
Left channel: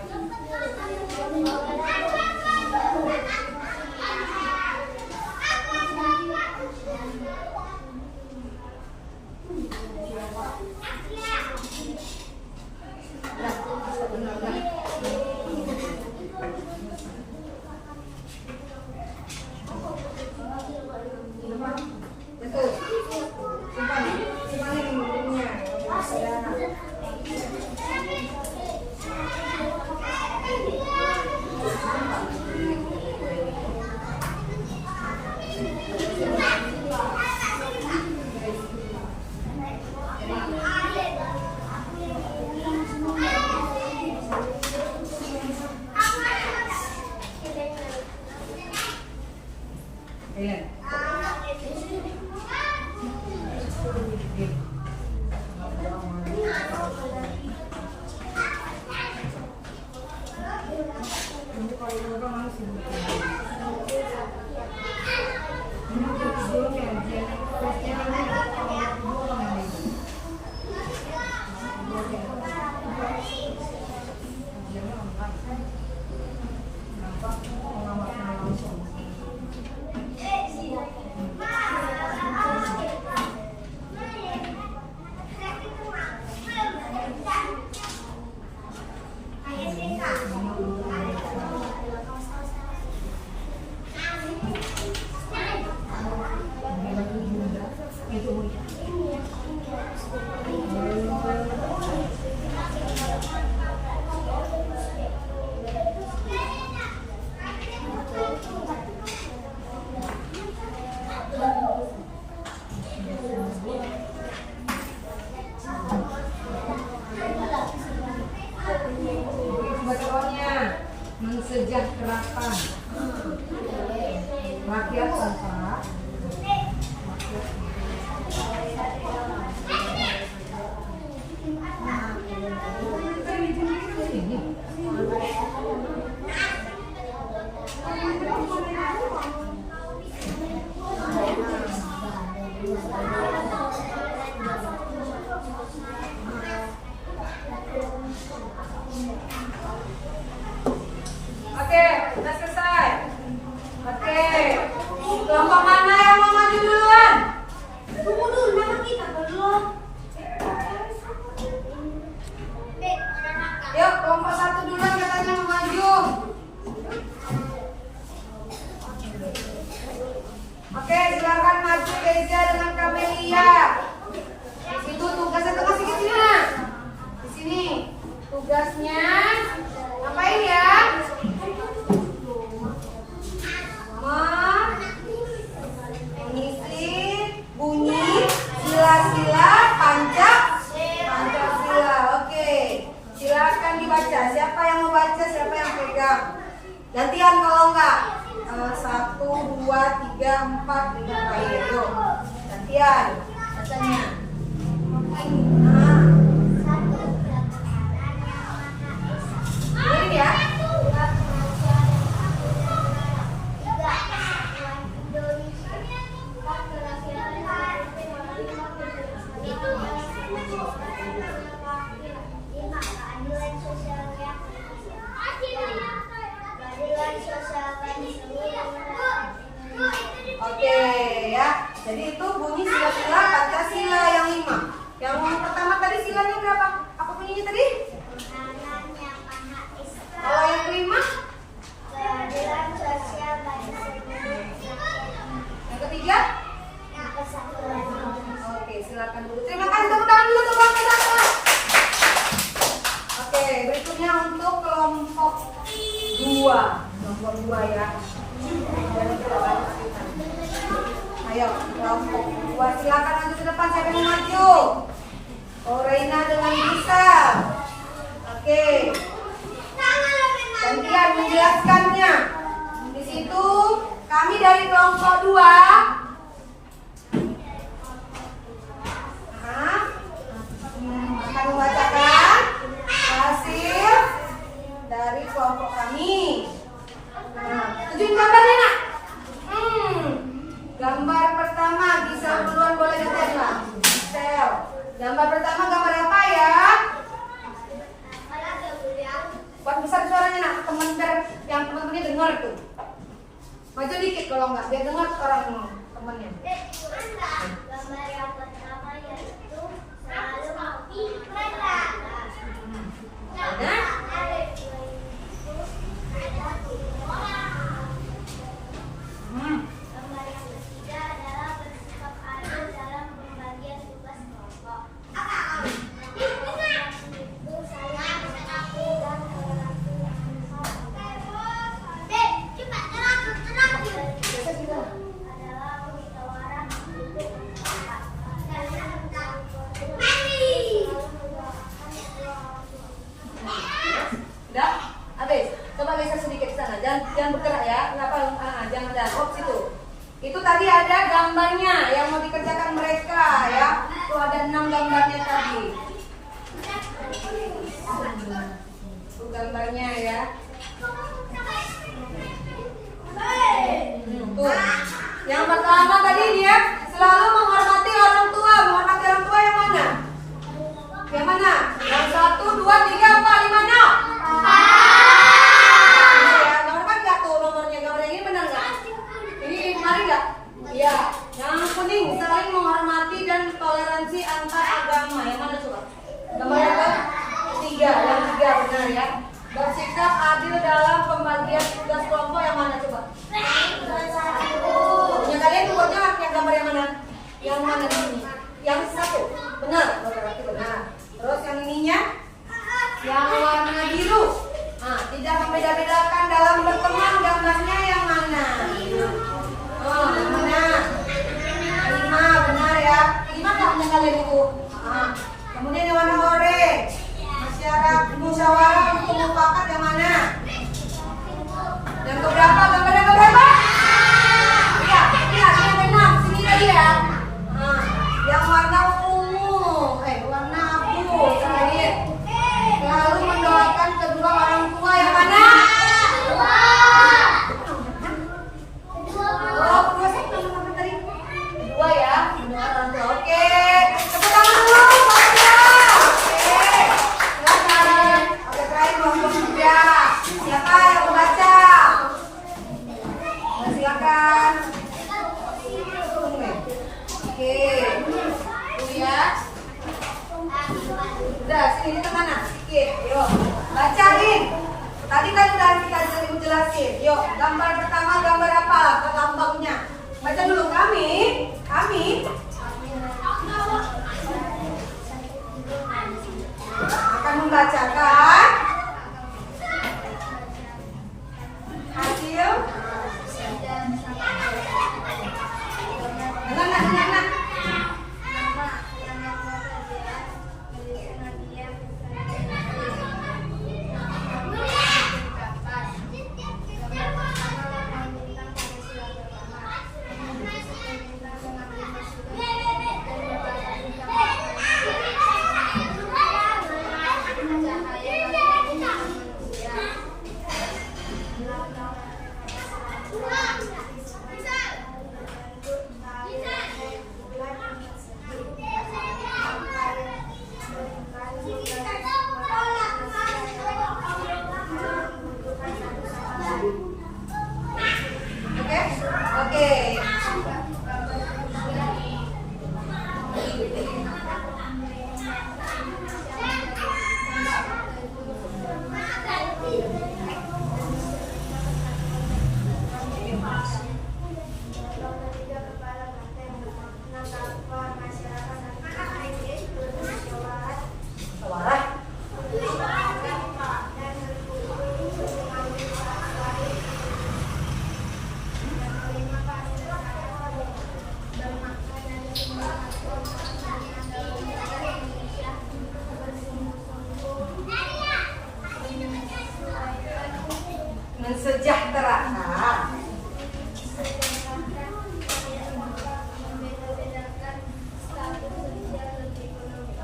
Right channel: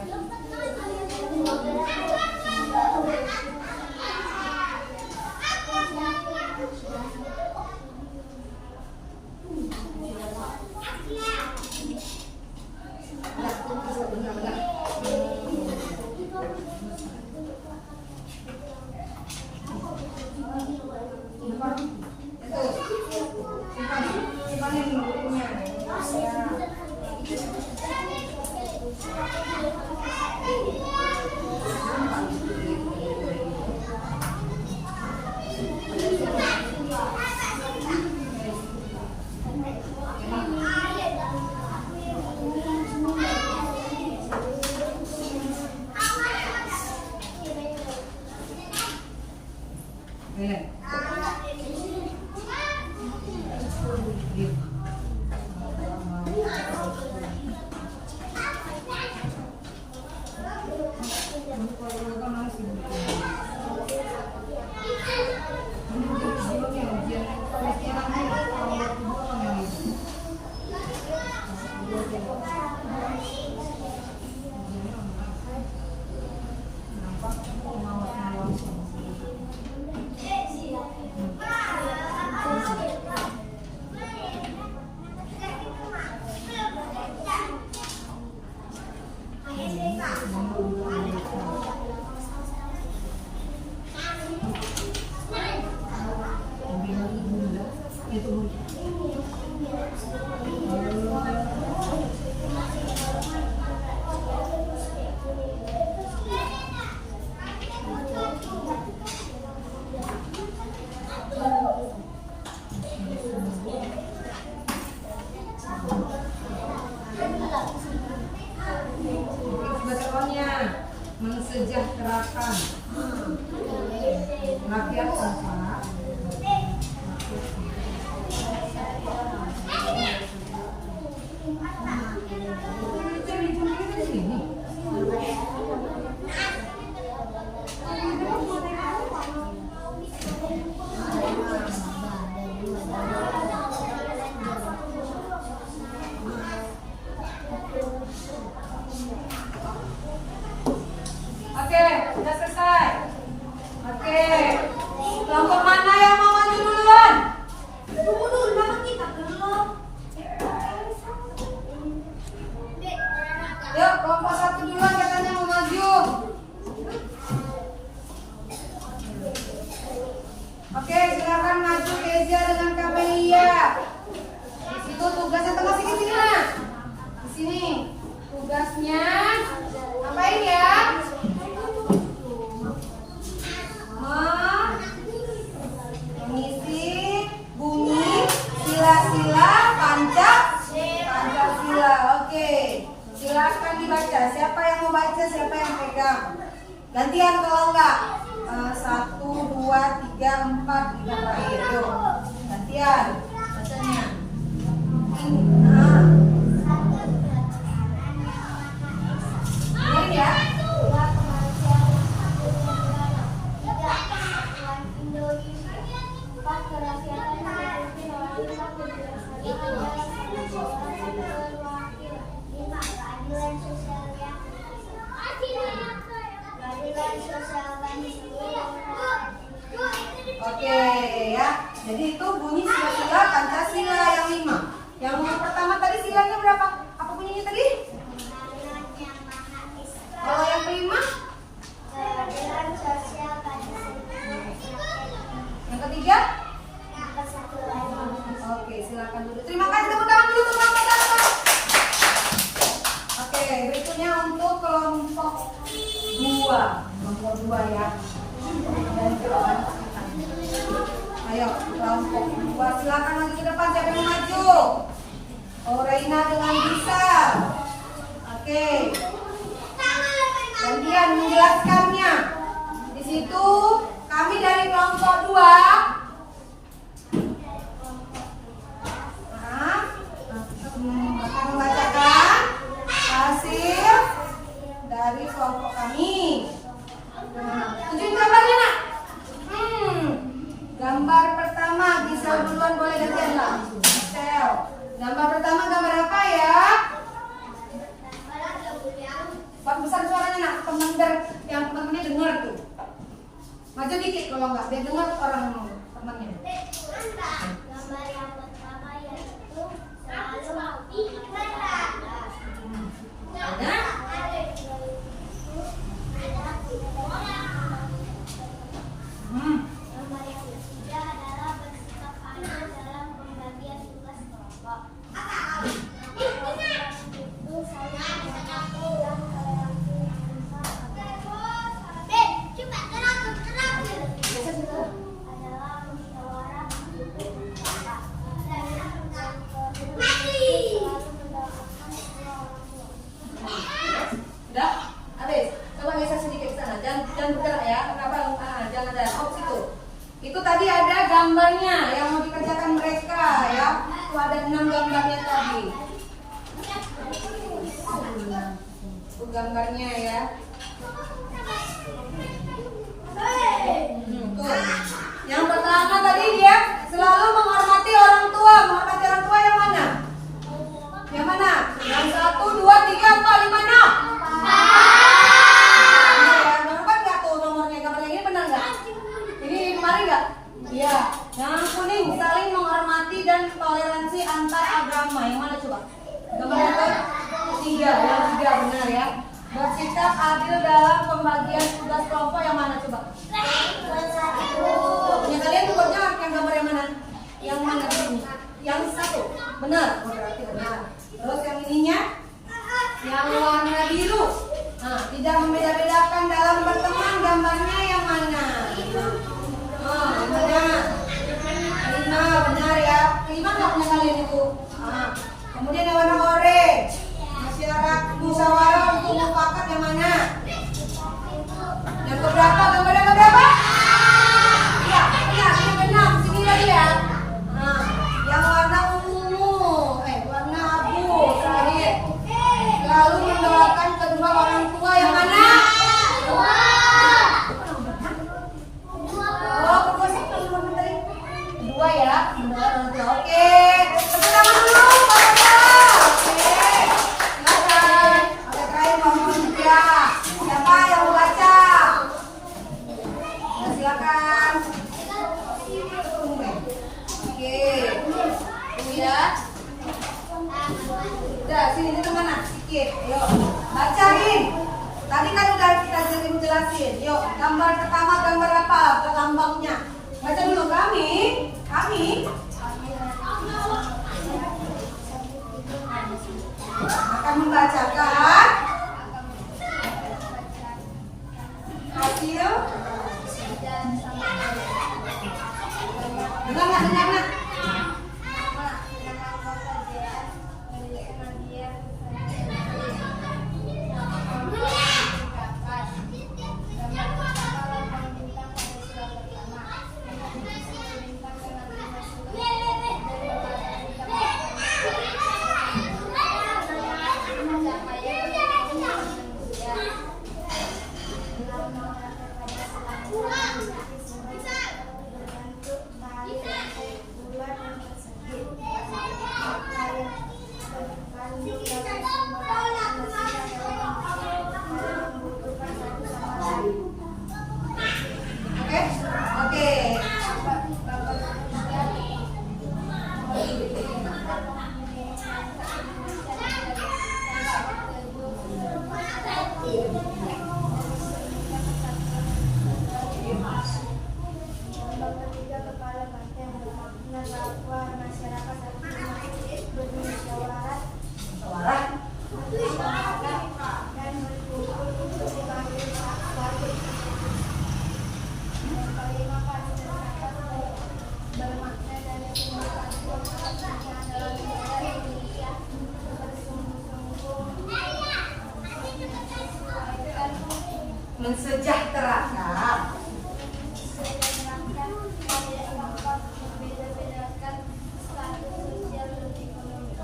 Mensejahterakan rakyat sempat. Oke, udah selesai. Oke, kelompok mana yang mau maju duluan? Tunggu dulu, nama kita belum. Yuk, kelompok satu duluan katanya mau maju. Oke, silakan maju Keza dengan Kamelia. Di situ tugasnya masih di sini. Di sini tugasnya ngapain ya? Mengisi bunyi sila-sila Pancasila. Oke, silakan dibaca. Siapa yang mau baca, siapa yang pegang. Gantian kalau enggak. 1, 2, 3, 4, 5 kali itu. Gantian bacanya. Ini ya. Oke ya. Jadi itu bunyi sila-sila Pancasila yang 5. Yang pertama tadi silanya berapa? Apa bunyinya tadi? Kalau yang kelima? Yang ketiga? Oke, silakan dulu. Terima kasih, tepuk tangan dulu untuk kelompok satu. Oke, berikutnya untuk kelompok 2. Kelompok 2 ya. Dan tidak banyak kita. Ayo, kelompok 2 silakan maju ke depan. Siapa yang maju? Oh, Reina dengan Bisa. Oke. Gantian menjelaskannya. Di situ kami dari kelompok 2 akan membacakan hasil dari kelompok kami. Nah, tunjukin gambarnya nak. Gambar pertama, bisa duluan boleh gantian lah. Gambar pertama gambar apa ya? Itu gambarnya ya. Tuh. Yang pertama tadi dia selalu menghormati orang tua. Menghormati orang tua yang mana? Yang mana? Yang 1, 2, 3, 4, 5, 6. Ya, nomor nggak tuh nomornya? Gambarnya ini benar nggak? Ini kemarin nggak? Iya. Yang kuning saling menghormati dan toleransi antar agama. Yang mana coba? Gambar yang ketiga. Yang 3 benar ya. Bersikap adil dalam pembagian tugas kelompok. Yang mana coba? Yang kalian buatnya yang gambar yang mana? Yang mana di sini? Yang 1. Benar. Oh, berarti benar. Terus yang ininya? Yang warna biru. Nah, tidak membeda-bedakan dalam berteman. Gambarnya yang mana? Oh, yang mana? 5, benar ya. 5 nggak punya kalian itu? Nah, kemudian yang warna orange. Musyawarah untuk mufakat yang mana? Yang keberapa? Gambarnya keberapa? Iya, yang 6. Sini lagi ya. Nah, yang warna ungu, warna abu terakhir. Lalu mendoakan kedua orang tua yang mana? Oh, kedua sih nomor tadi. Kedua ya, mendoakan orang tua. Oke, tepuk tangan dulu. Udah, sini ini kemana? Sikit, yuk bacain. Tadi kan udah kita jelasin. Yuk, gambar pertama gambar apa? Lambangnya. Baca dulu kami akan membacakan hasil. Dengar nak? Oke. Mensejahterakan.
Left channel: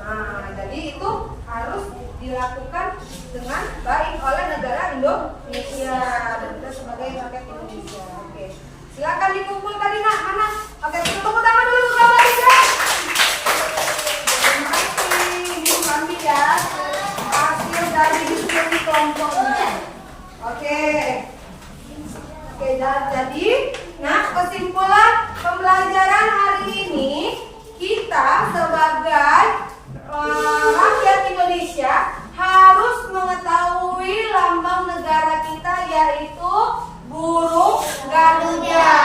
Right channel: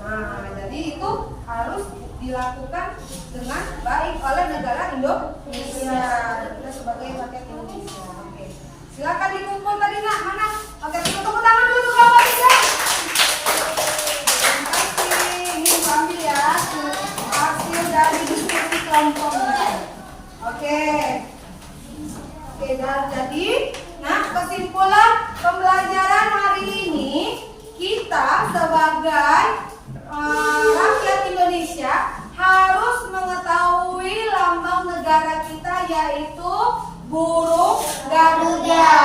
Nah, jadi itu harus dilakukan dengan baik oleh negara Indonesia dan sebagai rakyat Indonesia. Oke, silakan dikumpul tadi nak mana? Oke, tepuk tangan dulu kawan guys. Terima kasih. Ini kami ya hasil dari diskusi kelompoknya. Oke, jadi, nah kesimpulan pembelajaran hari ini kita sebagai rakyat Indonesia harus mengetahui lambang negara kita yaitu burung Garuda.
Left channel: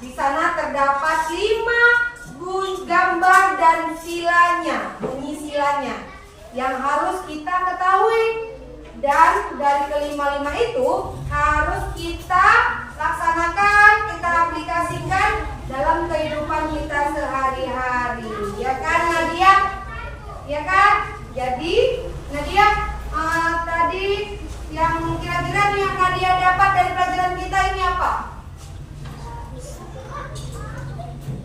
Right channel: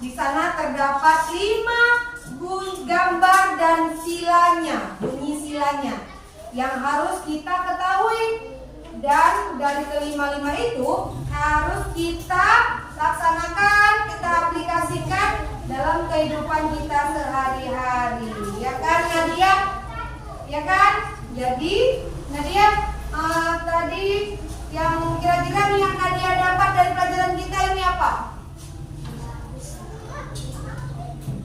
Di sana terdapat 5 gambar dan silanya, bunyi silanya yang harus kita ketahui. Dan dari kelima-lima itu harus kita laksanakan, kita aplikasikan dalam kehidupan kita sehari-hari. Ya kan Nadia? Ya kan? Jadi Nadia tadi yang kira-kira yang Nadia dapat dari pelajaran kita ini apa?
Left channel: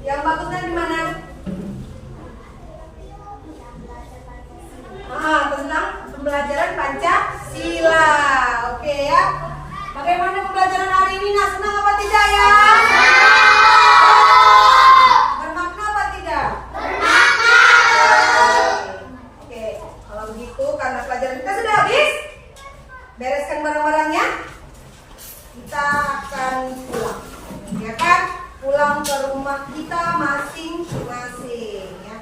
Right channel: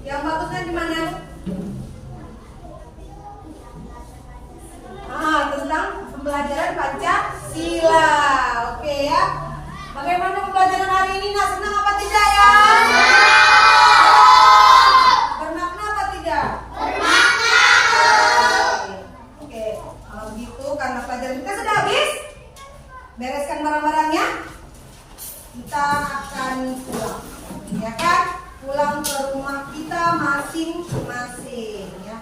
Yang bagusnya di mana? Tentang pembelajaran Pancasila. Oke ya. Bagaimana pembelajaran hari ini? Nah, senang apa tidak ya? Bermakna apa tidak? Bermakna. Oke, kalau begitu karena pelajaran kita sudah habis, bereskan barang-barangnya. Kita akan pulang, ya kan? Pulang ke rumah kita masing-masing ya.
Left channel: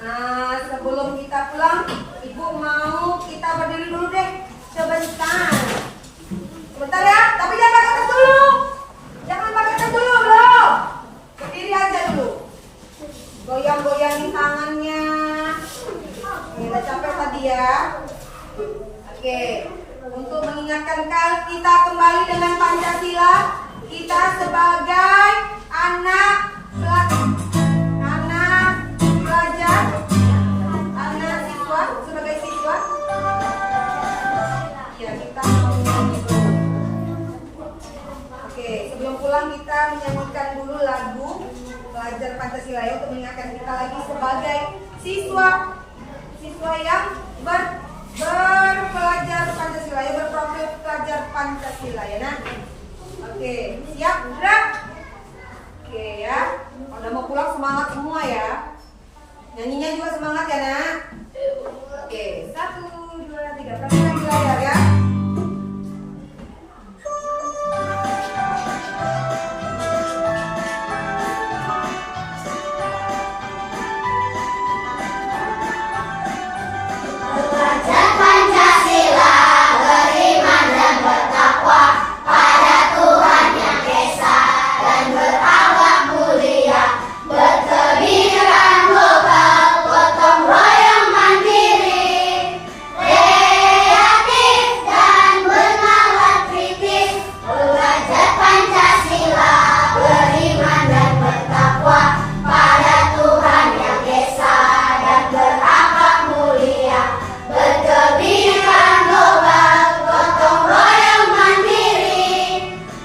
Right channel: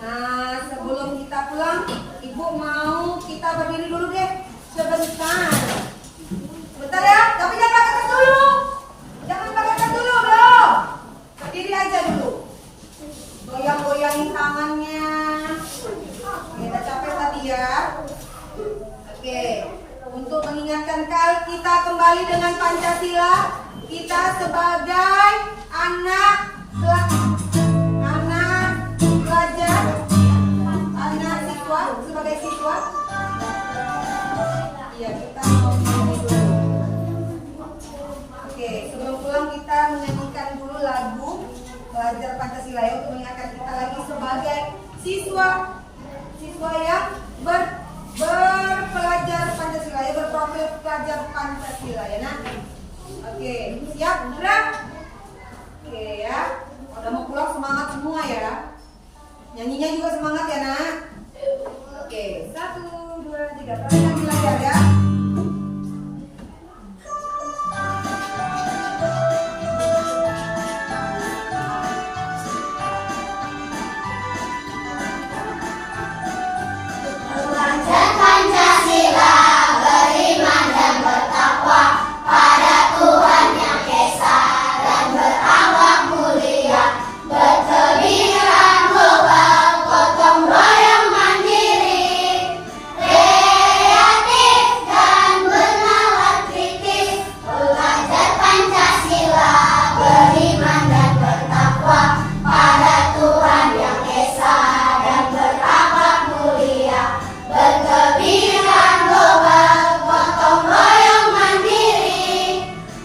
Nah, sebelum kita pulang, Ibu mau kita berdiri dulu deh sebentar. Sebentar ya, tapi jangan pakai tas dulu. Jangan pakai tas dulu, belum. Berdiri aja dulu. Goyang-goyangin tangannya. Kita capek tadi ya. Oke, untuk mengingatkan kita kembali dengan Pancasila, kita sebagai anak siswa, sebagai siswa, ya kita mau nyanyi dulu. Oke, sebelum pulang kita menyanyikan dulu lagu Pelajar Pancasila ya, untuk mengingatkan kita lagi sebagai siswa yang berpelajar Pancasila ya, berprofil pelajar Pancasila ya nak. Oke, siap? Gerak. Oke ya. Kalau udah mau pulang semangat semua ya. Nyanyinya juga semangat ya nak. Oke, 1, 2, 3. Perhatikan di layar ya. Belajar Pancasila, beriman dan bertakwa pada Tuhan Yang Esa, dan berakhlak mulia, berkebinekaan global, gotong royong mandiri, kreatif dan bernalar kritis. Belajar Pancasila, beriman dan bertakwa pada Tuhan Yang Esa, dan berakhlak mulia, berkebinekaan global, gotong royong mandiri,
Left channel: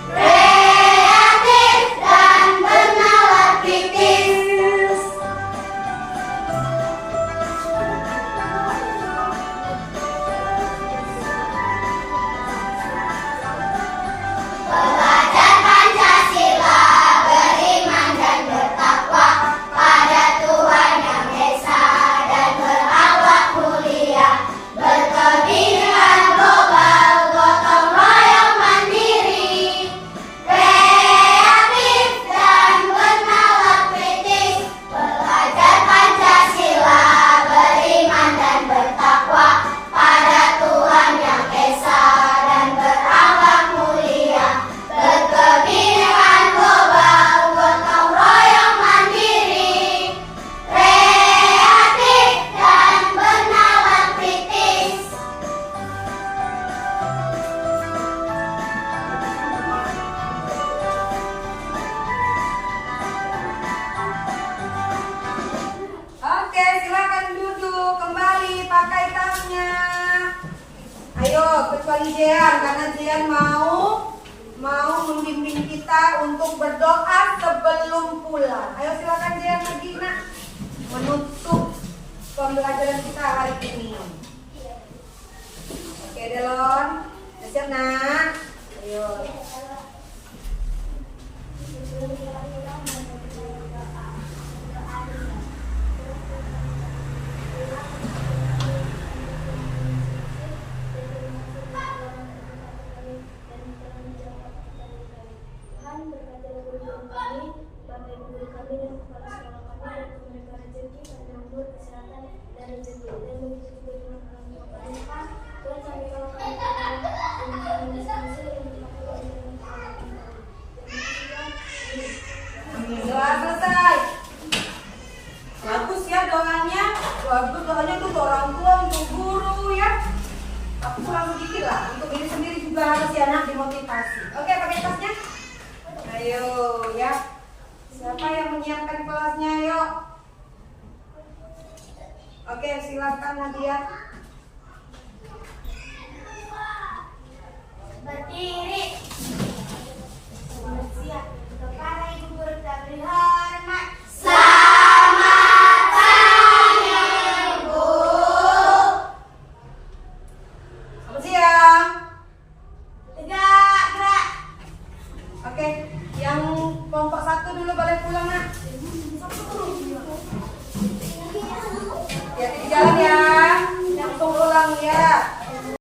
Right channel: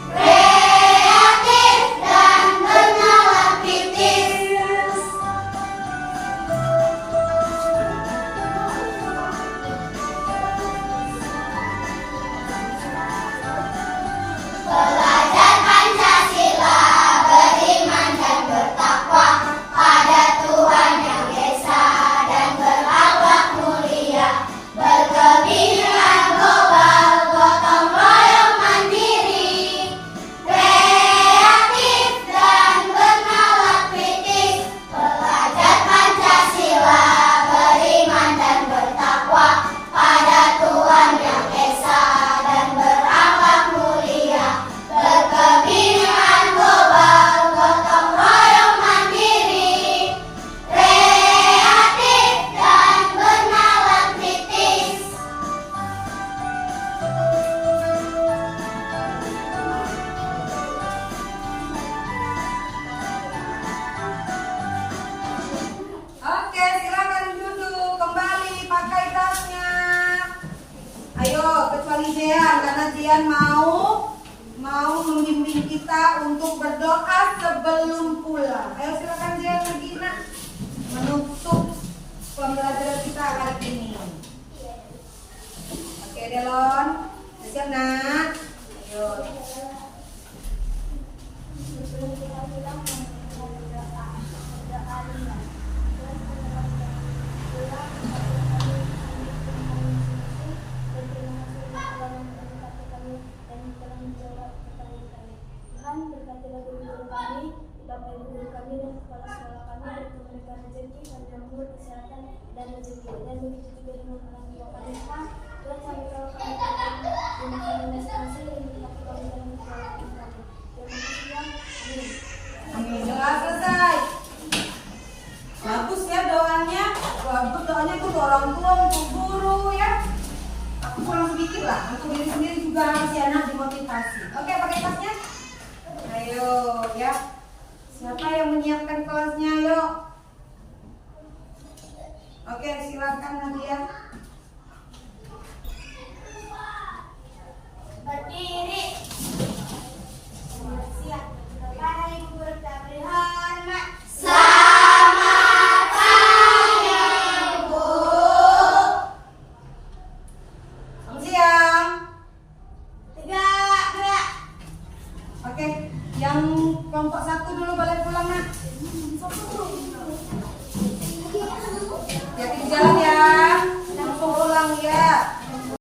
kreatif dan bernalar kritis. Belajar Pancasila, beriman dan bertakwa pada Tuhan Yang Esa, dan berakhlak mulia, berkebinekaan global, gotong royong mandiri, kreatif dan bernalar kritis. Belajar Pancasila, beriman dan bertakwa pada Tuhan Yang Esa, dan berakhlak mulia, berkebinekaan global, gotong royong mandiri, kreatif dan bernalar kritis. Oke, silakan duduk kembali, pakai tasnya. Ayo, kecuali Jean, karena Jean mau membimbing kita untuk berdoa sebelum pulang. Ayo silakan Jean pergi nak, menutup pembelajaran kita hari ini. Oke Delon, siap nak. Ayo. Tuhan berkatilah guru-guru kami, Bapak Ibu guru kami dan kepala sekolah kami, dan memberikan rezeki, kemakmuran, kesehatan dan rezeki, dan begitu juga dengan orang tua kami. Tuhan kami kalau kami berdoa dan kami masing-masing dan kami kami dalam sekolah kami. Dan Amin. Doa selesai. Bagus ya doanya. Bagus doanya itu untuk orang tua, untuk guru ya. Tapi kurang sedikit lah. Untuk diri sendiri juga harus ya nak dimotivasi. Oke, pakai tasnya. Ayo ya. Siapa yang menyiapkan kelasnya? Yuk. Oke, silakan Nadia. berdiri. Siap. Kepada Ibu guru kami hormat. Selamat pagi, Bu. kelompok 1 dulu balik pulang nak. Hati-hati di jalan ya. Langsung pulang ya.